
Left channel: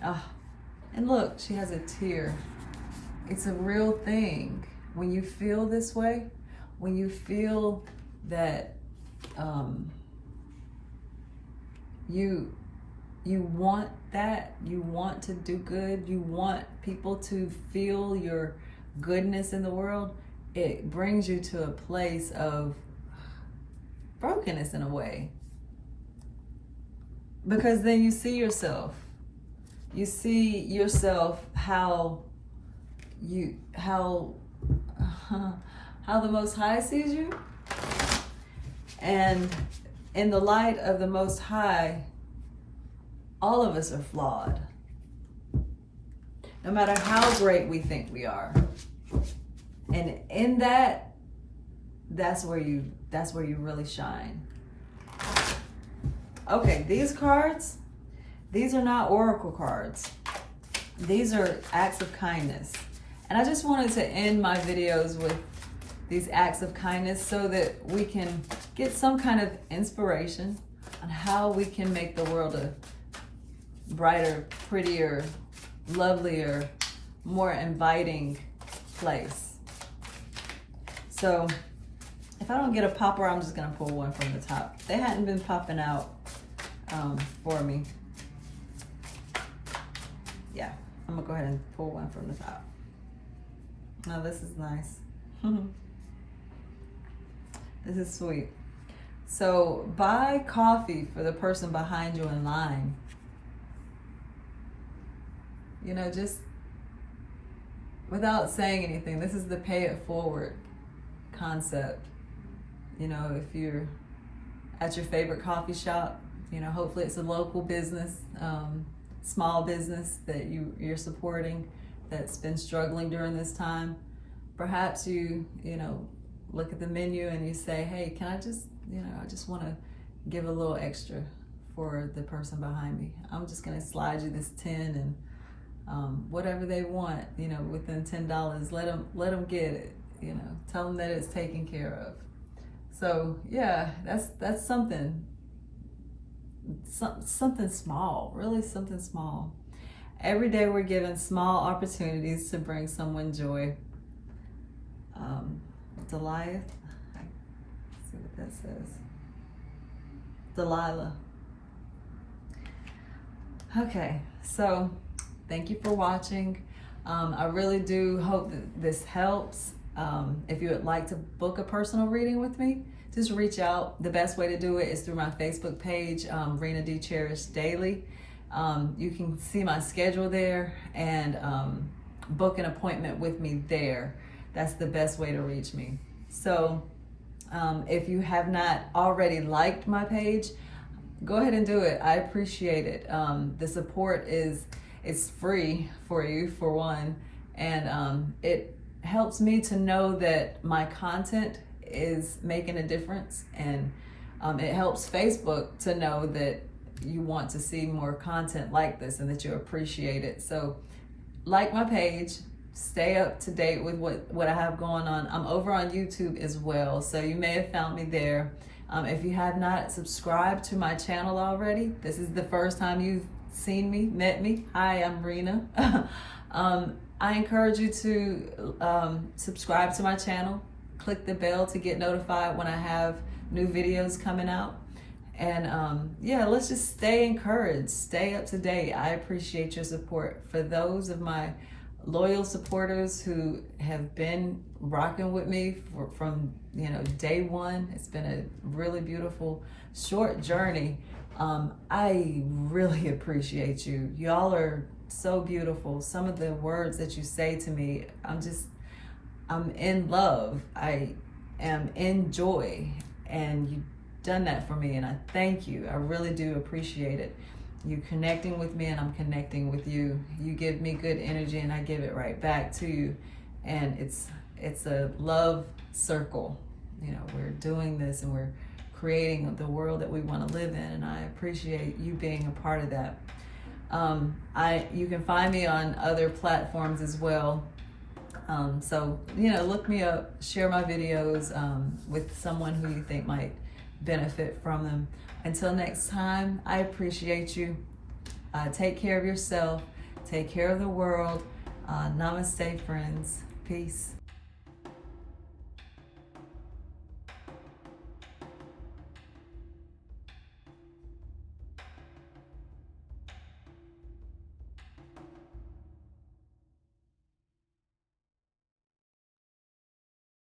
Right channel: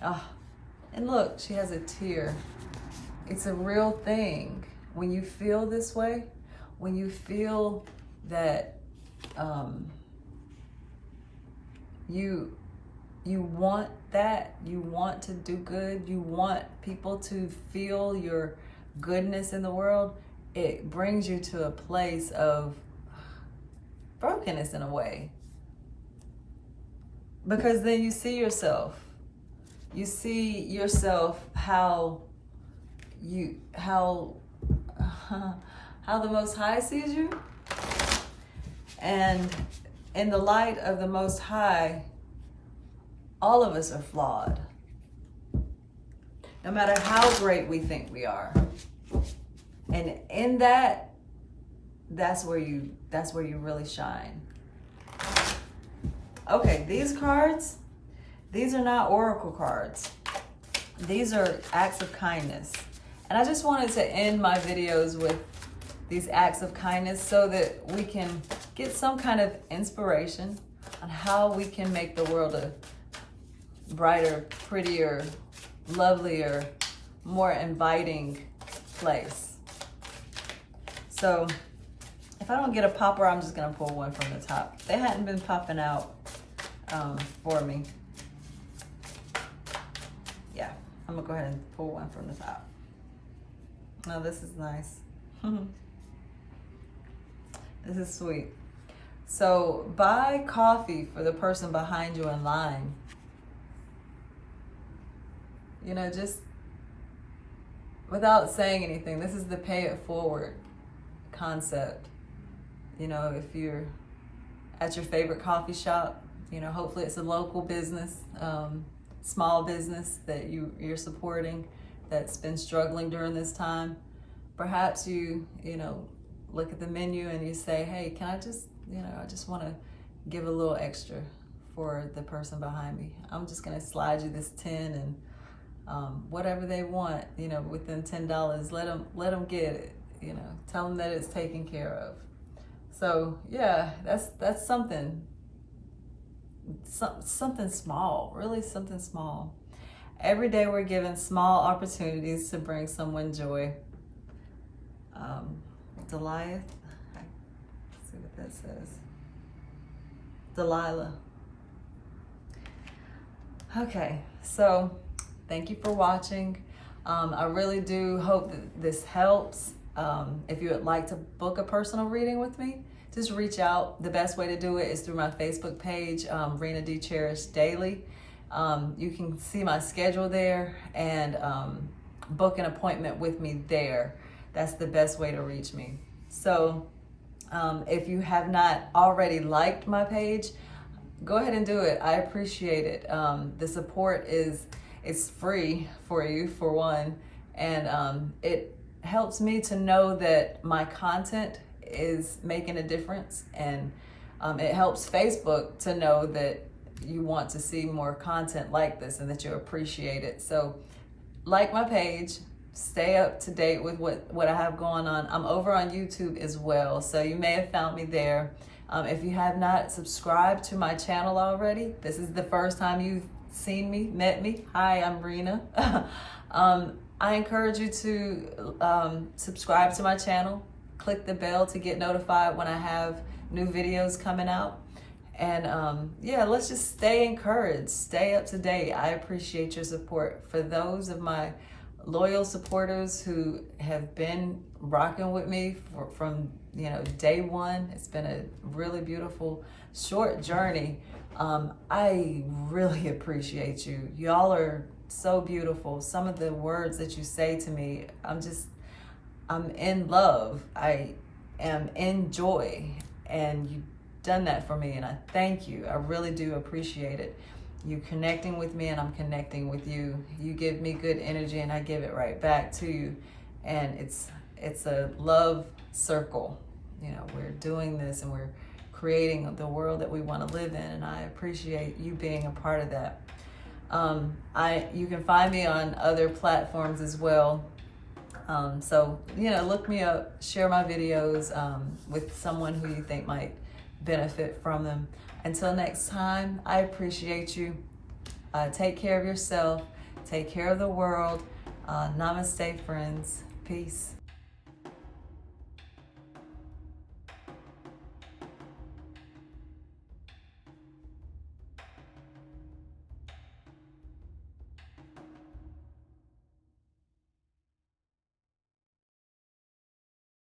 And look, she has a tear. It's a real thing. When you feel this way, when you feel that you want that, you want to do good, you want people to feel your goodness in the world, it brings you to a place of brokenness in a way. Because then you see yourself. You see yourself how the Most High sees you. And in the light of the Most High, all of us are flawed. No matter how great we think we are. And in that, that's where you really shine. Okay, these cards, these are not oracle cards. These are acts of kindness. And I just wanted to end my videos with these acts of kindness so that we can get some kind of inspiration on how we can make the world a brighter, prettier, lovelier, more inviting place. So if I don't get a popper, I'm just gonna pull one from the top. They hadn't been popping out for me. Yeah, I'm gonna go ahead and pull one from the top. Oh, this is nice. This is sweet. So buy coffee for the person behind you in line. Just without saying anything. This is the pay it forward concept. If you're at your favorite coffee shop, hopefully it's a local business, small business that you're supporting that's been struggling during this time. Perhaps you look at the menu and you say, hey, can I just want to give a little extra for the person behind me. I'm just going to slide you this 10 and whatever they want, within $10, let them get it, tell them that it's taken care of. So yeah, that's something small, really something small. Every day we're given small opportunities to bring someone joy. Delilah, let's see what that says. Delilah. Okay, so thank you for watching. I really do hope that this helps. If you would like to book a personal reading with me, just reach out. The best way to do it is through my Facebook page, Rena D. Cherish Daily. You can see my schedule there, and book an appointment with me there. That's the best way to reach me. So if you have not already liked my page, go ahead and do it. I appreciate it. The support it's free for you, for one, and it helps me to know that my content is making a difference, and it helps Facebook to know that you want to see more content like this and that you appreciate it. So like my page, stay up to date with what I have going on. I'm over on YouTube as well, so you may have found me there. If you have not subscribed to my channel already, this is the first time you've seen me, met me. Hi, I'm Rena. I encourage you to subscribe to my channel. Click the bell to get notified when I have new videos coming out. And yeah, let's just stay encouraged, stay up to date. I appreciate your support. For those of my loyal supporters who have been rocking with me from day one, it's been a really beautiful short journey. I really appreciate you. Y'all are so beautiful. Some of the words that you say to me, I'm in love. I am in joy, and you've done that for me, and I thank you. I really do appreciate it. You connecting with me, and I'm connecting with you. You give me good energy, and I give it right back to you. And it's a love circle. We're doing this, and we're creating the world that we want to live in, and I appreciate you being a part of that. You can find me on other platforms as well. So look me up, share my videos with someone who you think might benefit from them. Until next time, I appreciate you. Take care of yourself. Take care of the world. Namaste, friends. Peace.